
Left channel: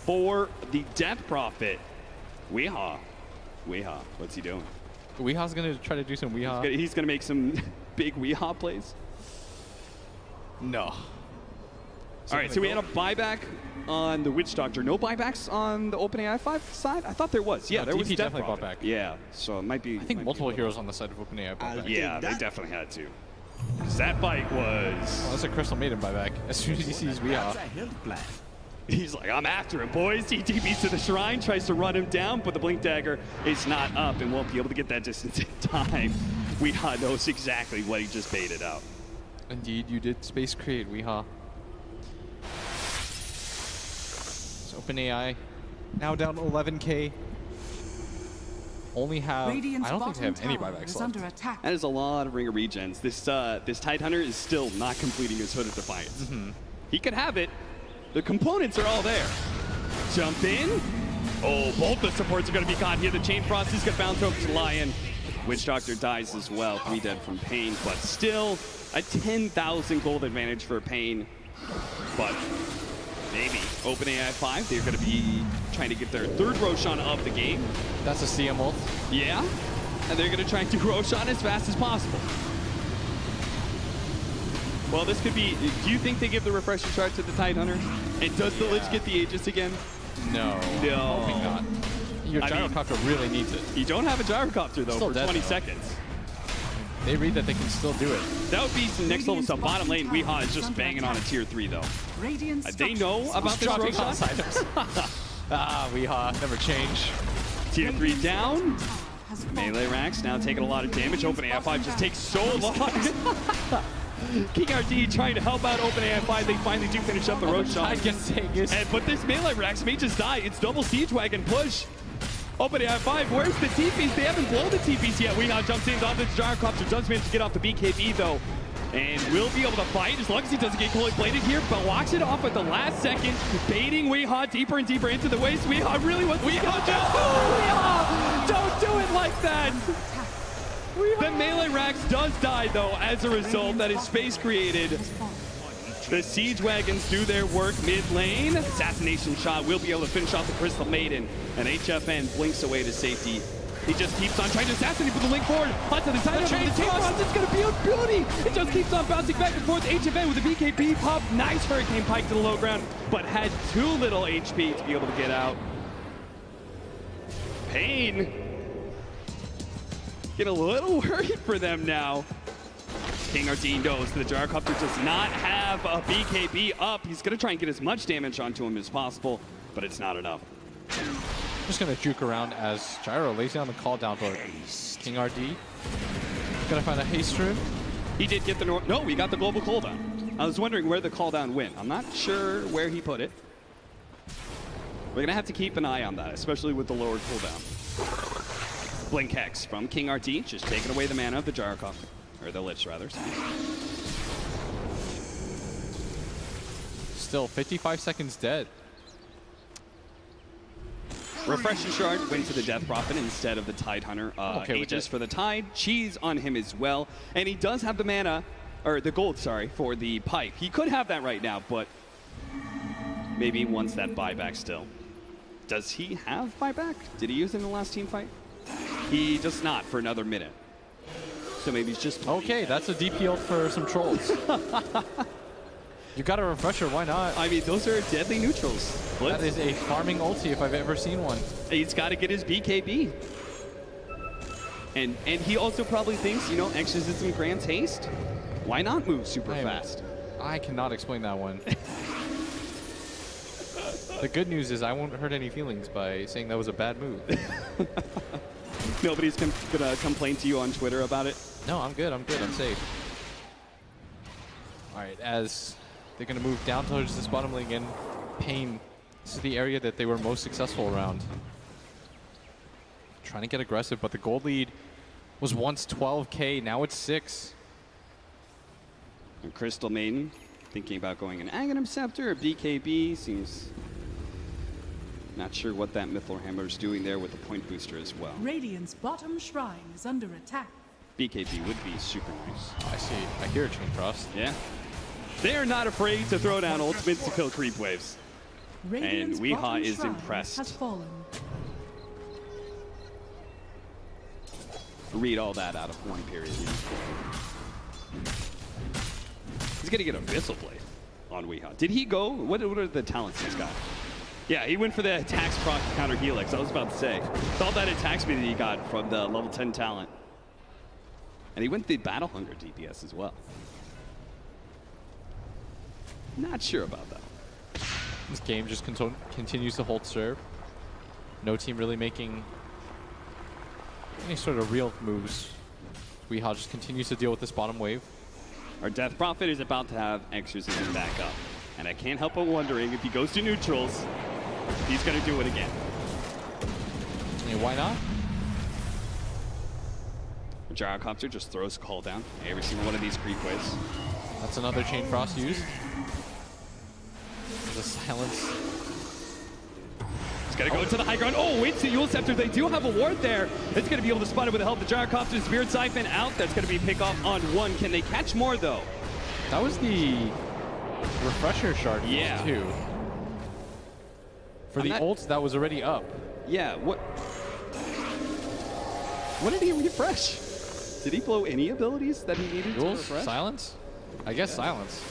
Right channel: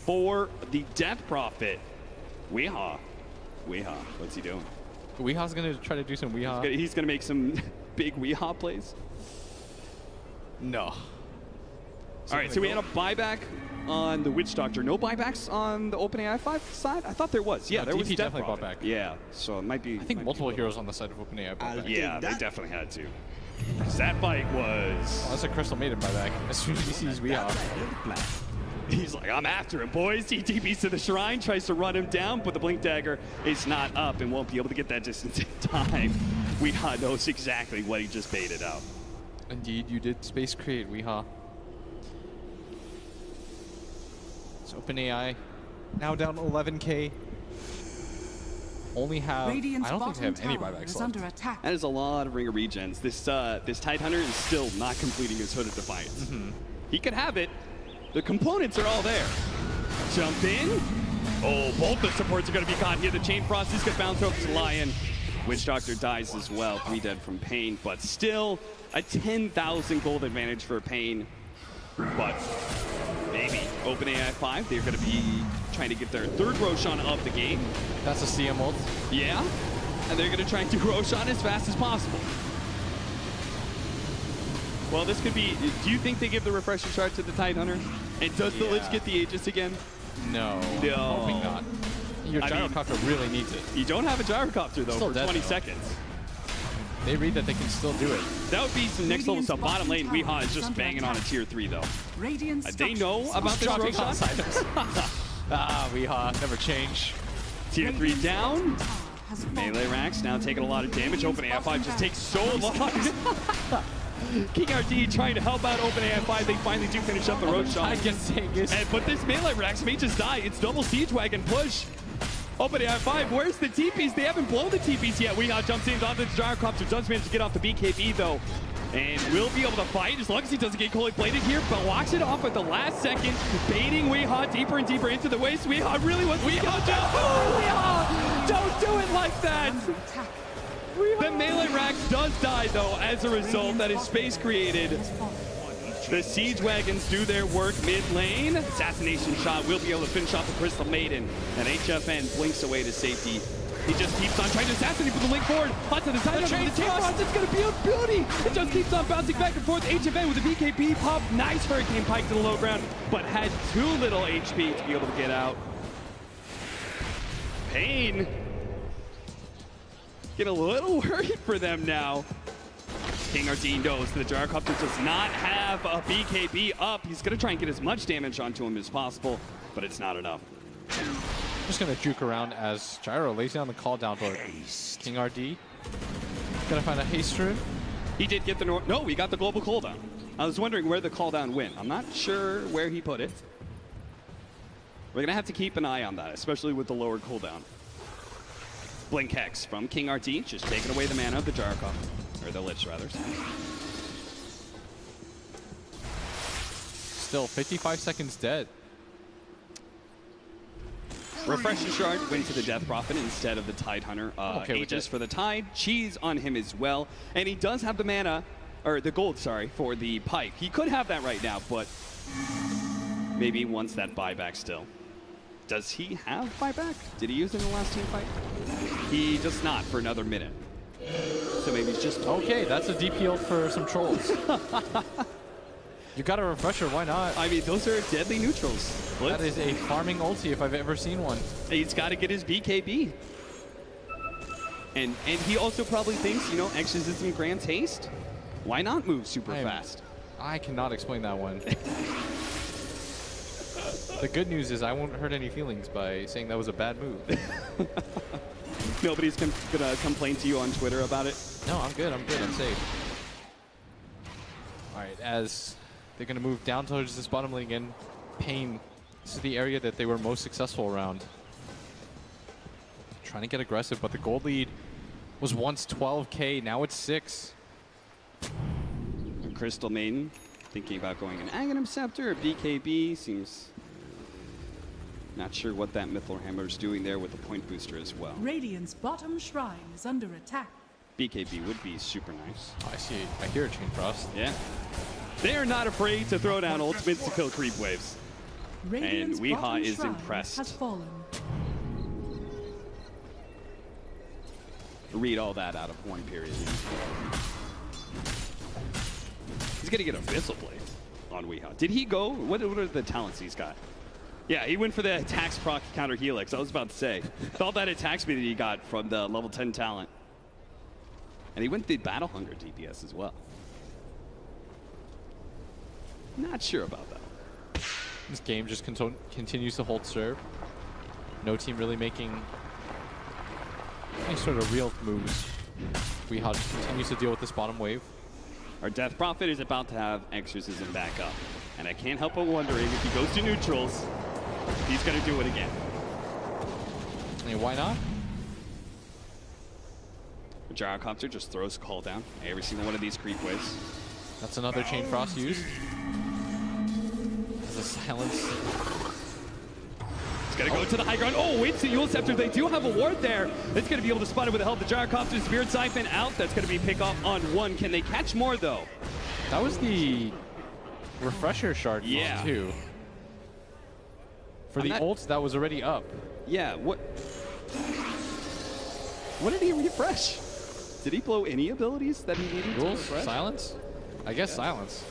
For the Death Prophet. Weehaw. What's he doing? Weehaw's going to try to do some Weehaw. He's going to make some big Weehaw plays? No. All right, so we had a buyback on the Witch Doctor. No buybacks on the OpenAI5 side? I thought there was. Yeah, no, there was definitely bought back. Yeah, so it might be... I think multiple heroes on the side of OpenAI bought back. Yeah, they definitely had to. That fight was... Oh, that's a Crystal Maiden buyback. As soon as he sees Weehaw. He's like, I'm after him, boys. He TPs to the shrine, tries to run him down, but the Blink Dagger is not up and won't be able to get that distance in time. Weehaw knows exactly what he just baited out. Indeed, you did space create, Weehaw. So OpenAI now down to 11K. Only have, I don't think they have any buybacks left. That is a lot of Ring of Regens. This Tidehunter is still not completing his Hood of Defiance. He could have it. The components are all there. Jump in. Oh, both the supports are going to be caught here. The Chain Frost is going to bounce over to Lion. Witch Doctor dies as well. 3 dead from paiN, but still a 10,000 gold advantage for paiN. But maybe OpenAI5, they're going to be trying to get their 3rd Roshan of the game. That's a CM ult. Yeah, and they're going to try and do Roshan as fast as possible. Well, this could be... Do you think they give the refresher shard to the Tidehunter? And does the Lich get the Aegis again? No. Hoping not. Your Gyrocopter really needs it. You don't have a Gyrocopter, though, still for 20 seconds. They read that they can still do it. That would be some next level stuff. Bottom lane, Weehaw is just banging on a tier 3, though. They know about this Roshan? Weehaw, never change. Tier 3 down. Melee racks now taking a lot of damage. OpenAI5 just takes so long. King RD trying to help out OpenAI5. They finally do finish up the Roshan. I guess saying this. But this melee racks may just die. It's double Siege Wagon push. OpenAI5, where's the TPs? They haven't blown the TPs yet. Weehaw jumps in, onto the gyrocopter, does manage to get off the BKB though. And will be able to fight as long as he doesn't get cold bladed here, but walks it off at the last second, baiting Weehaw deeper and deeper into the waist. Weehaw really wants to go down. Weehaw! Don't do it like that! The melee Rax does die though as a result. That is space created. The Siege Wagons do their work mid lane. Assassination shot will be able to finish off the Crystal Maiden. And HFN blinks away to safety. He just keeps on trying to assassinate with the link forward. Onto the side of the chain cross. It's going to be a beauty. It just keeps on bouncing back and forth. HFN with the BKB pop. Nice Hurricane Pike to the low ground, but had too little HP to be able to get out. paiN. Get a little worried for them now. KingRT knows the gyrocopter does not have a BKB up. He's going to try and get as much damage onto him as possible, but it's not enough. Just going to juke around as Gyro lays down the call down, but KingRT going to find a haste rune. He did get the no, he got the global cooldown. I was wondering where the cooldown went. I'm not sure where he put it. We're going to have to keep an eye on that, especially with the lower cooldown. Blink Hex from KingRT, just taking away the mana of the gyrocopter. Or the Lich, rather. Still 55 seconds dead. Refresher Shard went to the Death Prophet instead of the Tide Hunter. Aegis for the Tide. Cheese on him as well. And he does have the mana, or the gold, sorry, for the Pipe. He could have that right now, but maybe he wants that buyback still. Does he have buyback? Did he use it in the last team fight? He does not for another minute. So maybe he's just... Okay, that's a DP ult for some trolls. You got a refresher, why not? I mean, those are deadly neutrals. That is a farming ulti if I've ever seen one. He's got to get his BKB. And he also probably thinks, you know, Exorcism grants haste. Why not move super fast? I cannot explain that one. The good news is I won't hurt any feelings by saying that was a bad move. Nobody's gonna complain to you on Twitter about it? No, I'm good, I'm safe. Alright, as they're gonna move down towards this bottom lane again, paiN, this is the area that they were most successful around. Trying to get aggressive, but the gold lead was once 12k, now it's 6. And Crystal Maiden thinking about going an Aghanim Scepter or BKB, seems... Not sure what that Mithril Hammer is doing there with the point booster as well. Radiant's bottom shrine is under attack. BKB would be super nice. I see. I hear a chain frost. Yeah. They're not afraid to throw down ultimates to kill creep waves. Radiant's and Weehaw is shrine impressed. Has fallen. Read all that out of one period. He's going to get a Abyssal Blade on Weehaw. Did he go? What are the talents he's got? Yeah, he went for the attacks proc counter Helix. I was about to say. Thought that attack speed that he got from the level 10 talent. And he went the Battle Hunger DPS as well. Not sure about that. This game just continues to hold serve. No team really making any sort of real moves. Weehaw just continues to deal with this bottom wave. Our Death Prophet is about to have Exorcism back up. And I can't help but wondering if he goes to neutrals, he's going to do it again. And why not? The Gyrocopter just throws call down every single one of these creep waves. That's another chain frost used. There's a silence. He's going to go to the high ground. Oh, it's the Eul Scepter. They do have a ward there. It's going to be able to spot it with the help of the Gyrocopter. Spirit Siphon out. That's going to be pick off on one. Can they catch more, though? That was the refresher shard too. For the ults that was already up. Yeah, what did he refresh? Did he blow any abilities that he needed to refresh? Silence? I guess silence.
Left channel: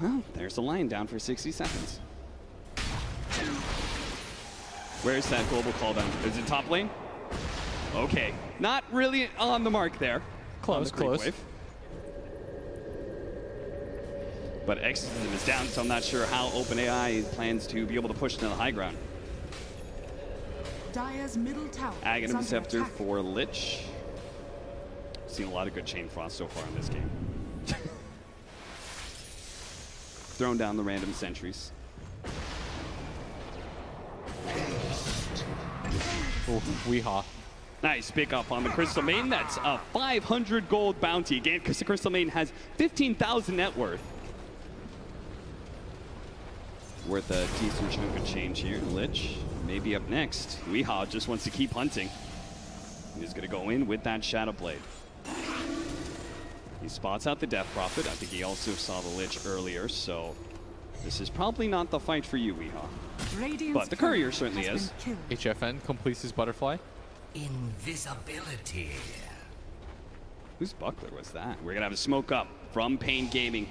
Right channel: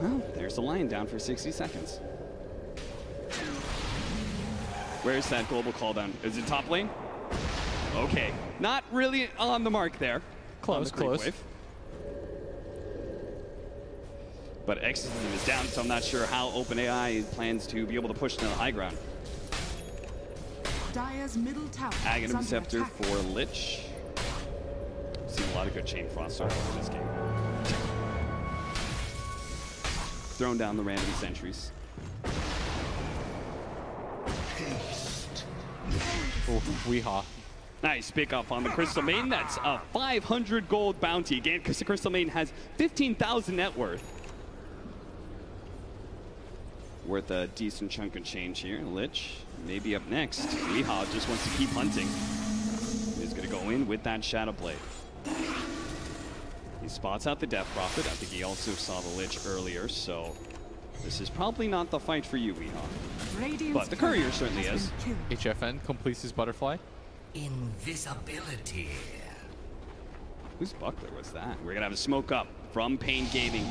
Well, there's the line down for 60 seconds. Where's that global call down? Is it top lane? Okay. Not really on the mark there. Close. Wave. But Exorcism is down, so I'm not sure how OpenAI plans to be able to push to the high ground. Dire's middle tower Aghanim Scepter for Lich. Seen a lot of good chain frost so far in this game. Throwing down the random sentries. Ooh, Weehaw. Nice pick up on the Crystal Maiden. That's a 500 gold bounty. Again, because the Crystal Maiden has 15,000 net worth. Worth a decent chunk of change here. Lich maybe up next. Weehaw just wants to keep hunting. He's going to go in with that Shadow Blade. He spots out the Death Prophet. I think he also saw the Lich earlier, so this is probably not the fight for you, Weehaw. But the Courier certainly is. HFN completes his butterfly. Invisibility. Whose buckler was that? We're going to have a smoke up from paiN Gaming.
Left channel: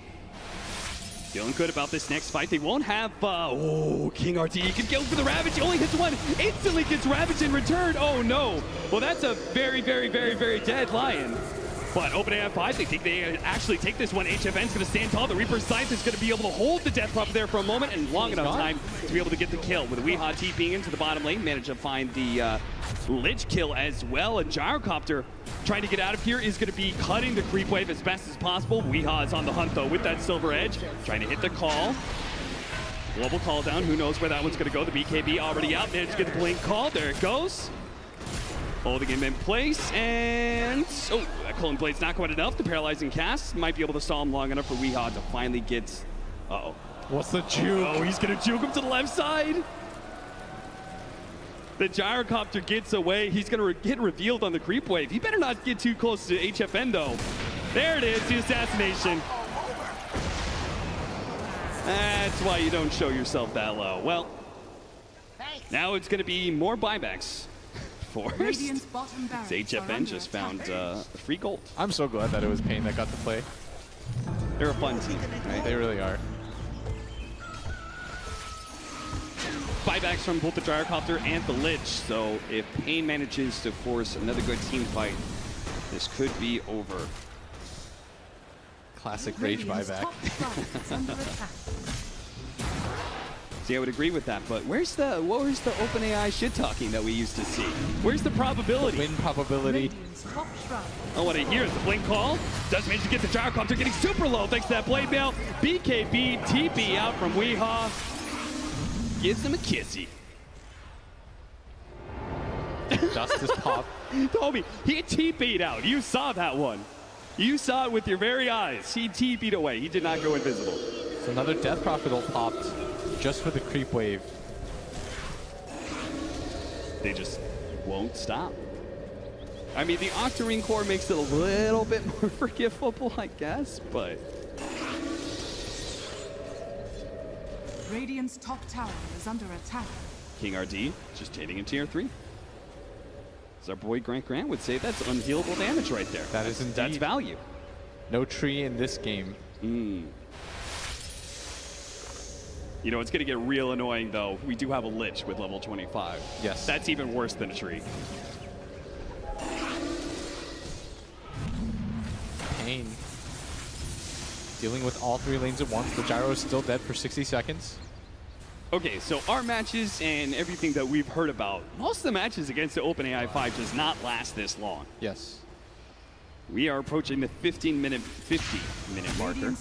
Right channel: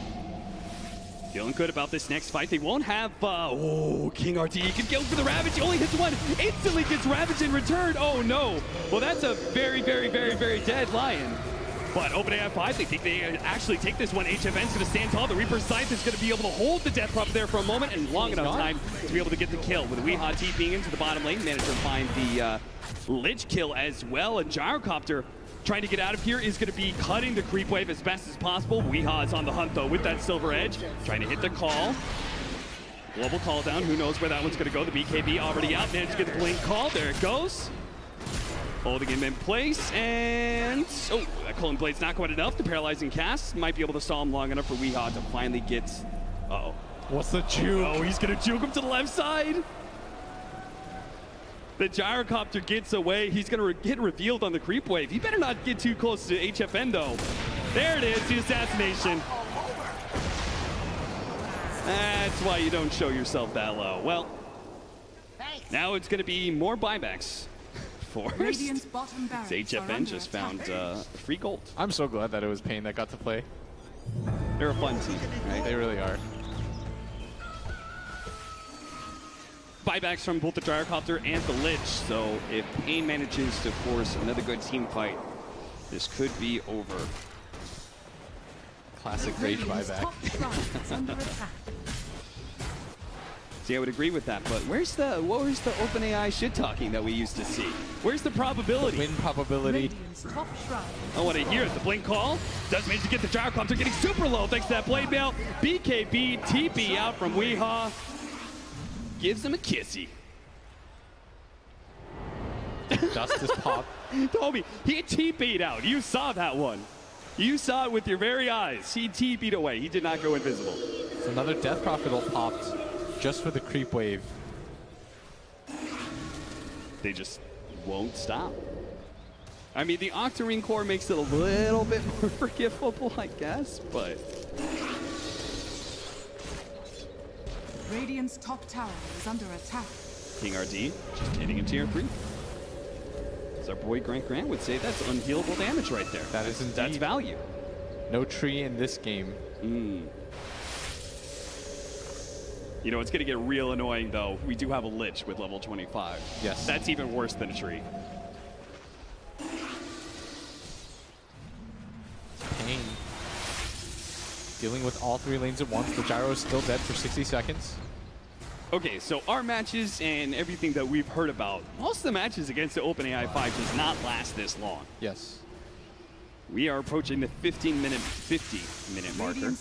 Feeling good about this next fight. They won't have, King RT. He can go for the Ravage. He only hits one. Instantly gets Ravage in return. Oh, no. Well, that's a very, very, very, very dead Lion. But OpenAI5, they think they actually take this one. HFN's going to stand tall. The Reaper's Scythe is going to be able to hold the Death Prophet there for a moment and long enough time to be able to get the kill. With Weehaw TPing into the bottom lane, managed to find the Lich kill as well. And Gyrocopter trying to get out of here is going to be cutting the creep wave as best as possible. Weehaw is on the hunt, though, with that Silver Edge. Trying to hit the call. Global call down. Who knows where that one's going to go. The BKB already out. Managed to get the blink call. There it goes. Holding him in place. And, oh, that Cullen Blade's not quite enough. The paralyzing cast might be able to stall him long enough for Weehaw to finally get... Uh-oh. What's the juke? Oh, he's going to juke him to the left side. The Gyrocopter gets away. He's going to get revealed on the creep wave. He better not get too close to HFN, though. There it is, the assassination. That's why you don't show yourself that low. Well, now it's going to be more buybacks. Forced. HFN just found free gold. I'm so glad that it was paiN that got to play. They're a fun team, right? They really are. Buybacks from both the Gyrocopter and the Lich, so if paiN manages to force another good team fight, this could be over. Classic rage buyback. See, I would agree with that, but what was the OpenAI shit talking that we used to see? Where's the probability? Win probability. Oh, what I hear is the blink call. Does manage to get the Gyrocopter getting super low thanks to that blade mail. BKB TP out from Weehaw. Gives him a kissy. Justice pop. Toby, he TP'd out. You saw that one. You saw it with your very eyes. He TP'd away. He did not go invisible. It's another Death Prophet ult popped just for the creep wave. They just won't stop. I mean, the Octarine core makes it a little bit more forgivable, I guess, but... Radiant's top tower is under attack. King RD just hitting in tier 3. As our boy Grant would say, that's unhealable damage right there. That is indeed. That's value. No tree in this game. You know, it's going to get real annoying, though. We do have a Lich with level 25. Yes. That's even worse than a tree. paiN. Dealing with all three lanes at once. The gyro is still dead for 60 seconds. Okay, so our matches and everything that we've heard about, most of the matches against the OpenAI5 does not last this long. Yes. We are approaching the 50-minute marker.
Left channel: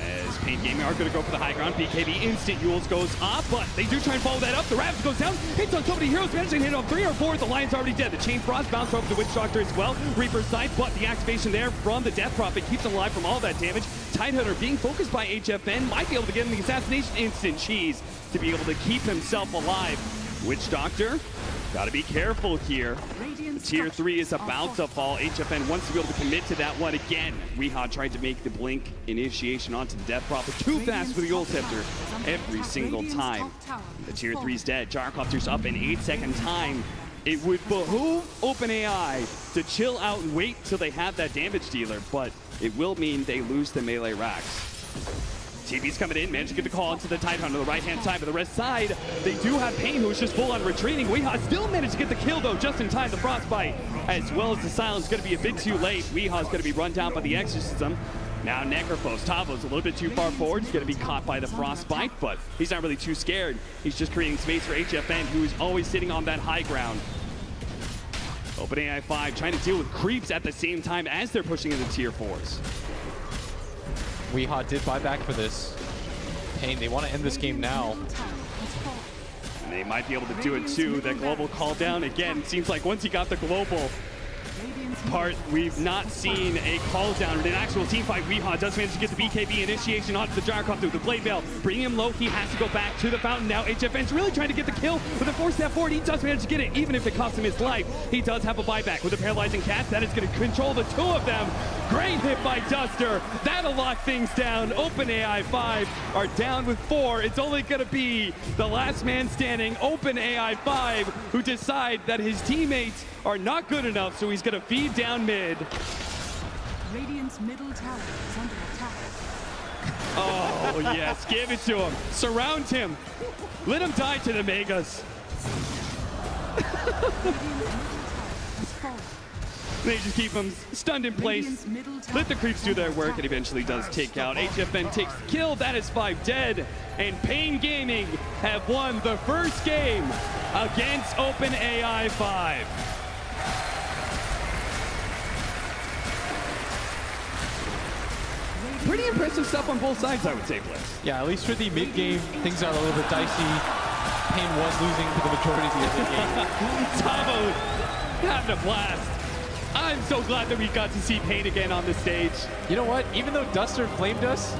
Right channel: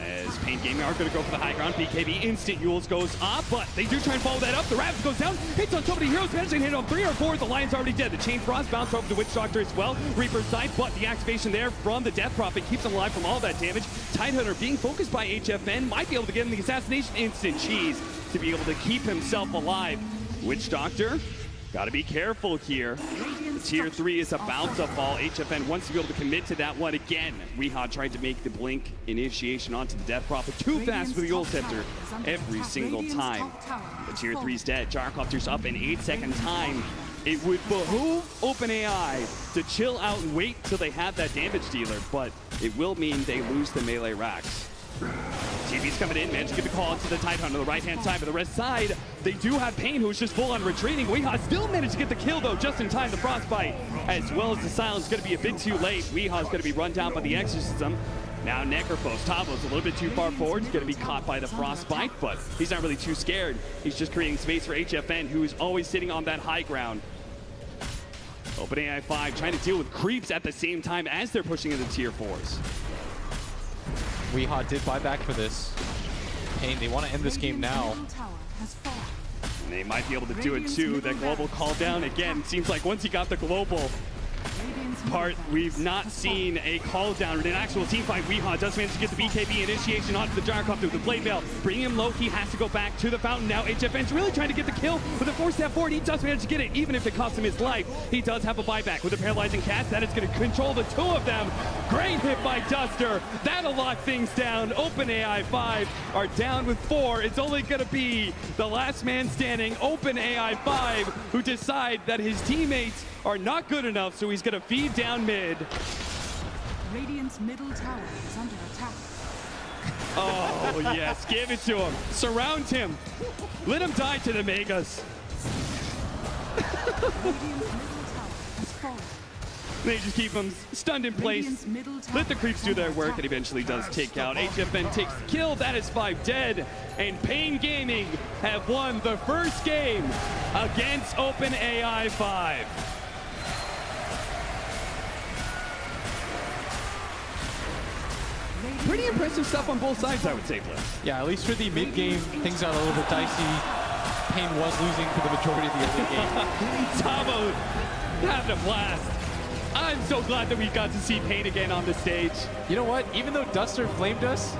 As paiN Gaming are going to go for the high ground. BKB instant Yules goes up, but they do try and follow that up. The Ravage goes down, hits on so many heroes, managing to hit on 3 or 4. The Lion's already dead. The Chain Frost bounced over the Witch Doctor as well. Reaper's Scythe, but the activation there from the Death Prophet keeps him alive from all that damage. Tidehunter being focused by HFN might be able to get him the assassination instant cheese to be able to keep himself alive. Witch Doctor, gotta be careful here. The tier 3 is about to fall. HFN wants to be able to commit to that one again. Weehaw tried to make the blink initiation onto the Death Prophet too fast for the Ult Scepter every single time. The tier 3's dead. Gyrocopter's up in 8-second time. It would behoove OpenAI to chill out and wait till they have that damage dealer, but it will mean they lose the melee racks. TV's coming in, managed to get the call into the Tidehunter on the right-hand side, but the rest side, they do have paiN, who's just full on retreating. Weehaw still managed to get the kill, though, just in time. The Frostbite, as well as the Silence, going to be a bit too late. Weehaw's going to be run down by the Exorcism. Now Necrophos, Tavo's a little bit too far forward. He's going to be caught by the Frostbite, but he's not really too scared. He's just creating space for HFN, who's always sitting on that high ground. OpenAI5 trying to deal with creeps at the same time as they're pushing into tier 4s. Weehaw did buy back for this. paiN, they want to end this game now. And they might be able to do it too. That global call down again. Seems like once he got the global part, we've not seen a call down in an actual team fight. Weehaw does manage to get the BKB initiation onto the Gyrocopter, the Blade Veil, bringing him low. He has to go back to the fountain now. HFN's really trying to get the kill with a 4-step forward. He does manage to get it, even if it costs him his life. He does have a buyback with a paralyzing cast. That is going to control the two of them. Great hit by Duster. That'll lock things down. OpenAI5 are down with 4. It's only going to be the last man standing, OpenAI5, who decide that his teammates are not good enough, so he's going to feed down mid. Radiant's middle tower is under attack. Oh, yes. Give it to him. Surround him. Let him die to the Megas. Radiant's middle tower has fallen. They just keep him stunned in place. Let the creeps do their work, and eventually does take out. HFN takes the kill. That is 5 dead. And paiN Gaming have won the first game against OpenAI5. Pretty impressive stuff on both sides, I would say, Blitz. Yeah, at least for the mid-game, things got a little bit dicey. paiN was losing for the majority of the other game. Tavo having a blast. I'm so glad that we got to see paiN again on the stage. You know what? Even though Duster flamed us,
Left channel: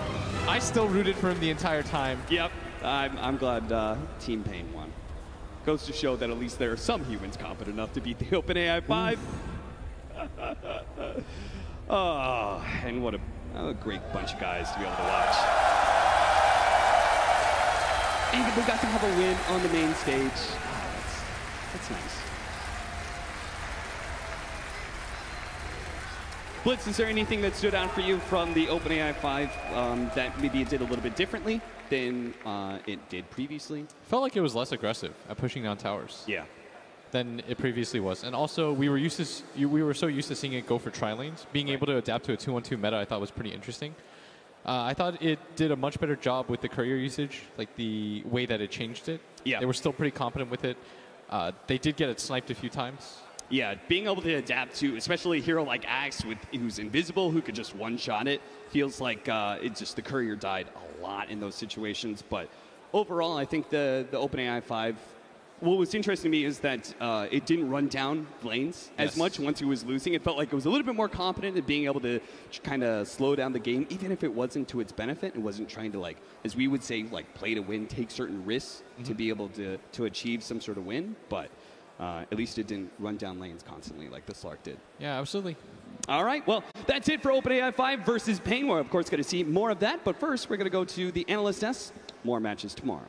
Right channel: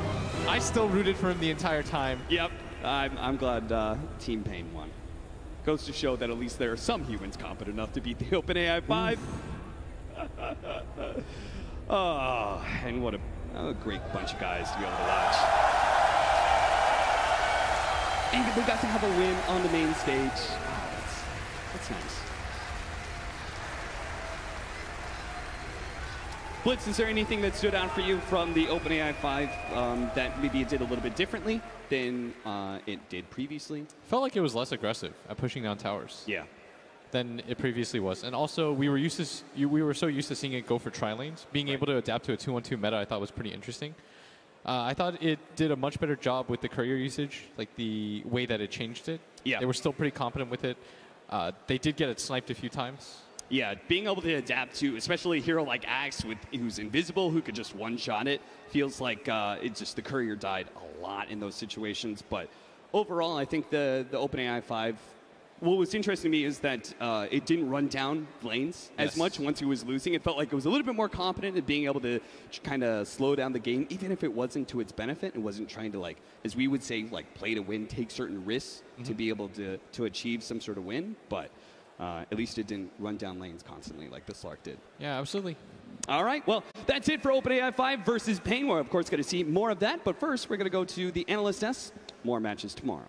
I still rooted for him the entire time. Yep. I'm glad Team paiN won. Goes to show that at least there are some humans competent enough to beat the OpenAI5. Oh, and what a great bunch of guys to be able to watch. And they got to have a win on the main stage. Oh, that's nice. Blitz, is there anything that stood out for you from the OpenAI5 that maybe it did a little bit differently than it did previously? Felt like it was less aggressive at pushing on towers. Yeah. Than it previously was. And also, we were so used to seeing it go for tri-lanes. Being able to adapt to a 2-on-2 meta, I thought was pretty interesting. I thought it did a much better job with the courier usage, like the way that it changed it. Yeah. They were still pretty competent with it. They did get it sniped a few times. Yeah, being able to adapt to, especially a hero like Axe, who's invisible, who could just one-shot it, feels like the courier died a lot in those situations. But overall, I think the OpenAI5, what was interesting to me is that it didn't run down lanes as much once he was losing. It felt like it was a little bit more competent in being able to kind of slow down the game, even if it wasn't to its benefit. It wasn't trying to, as we would say, play to win, take certain risks to be able to achieve some sort of win. But at least it didn't run down lanes constantly like the Slark did. Yeah, absolutely. All right, well, that's it for OpenAI5 versus paiN. We're, of course, going to see more of that. But first, we're going to go to the Analyst S. More matches tomorrow.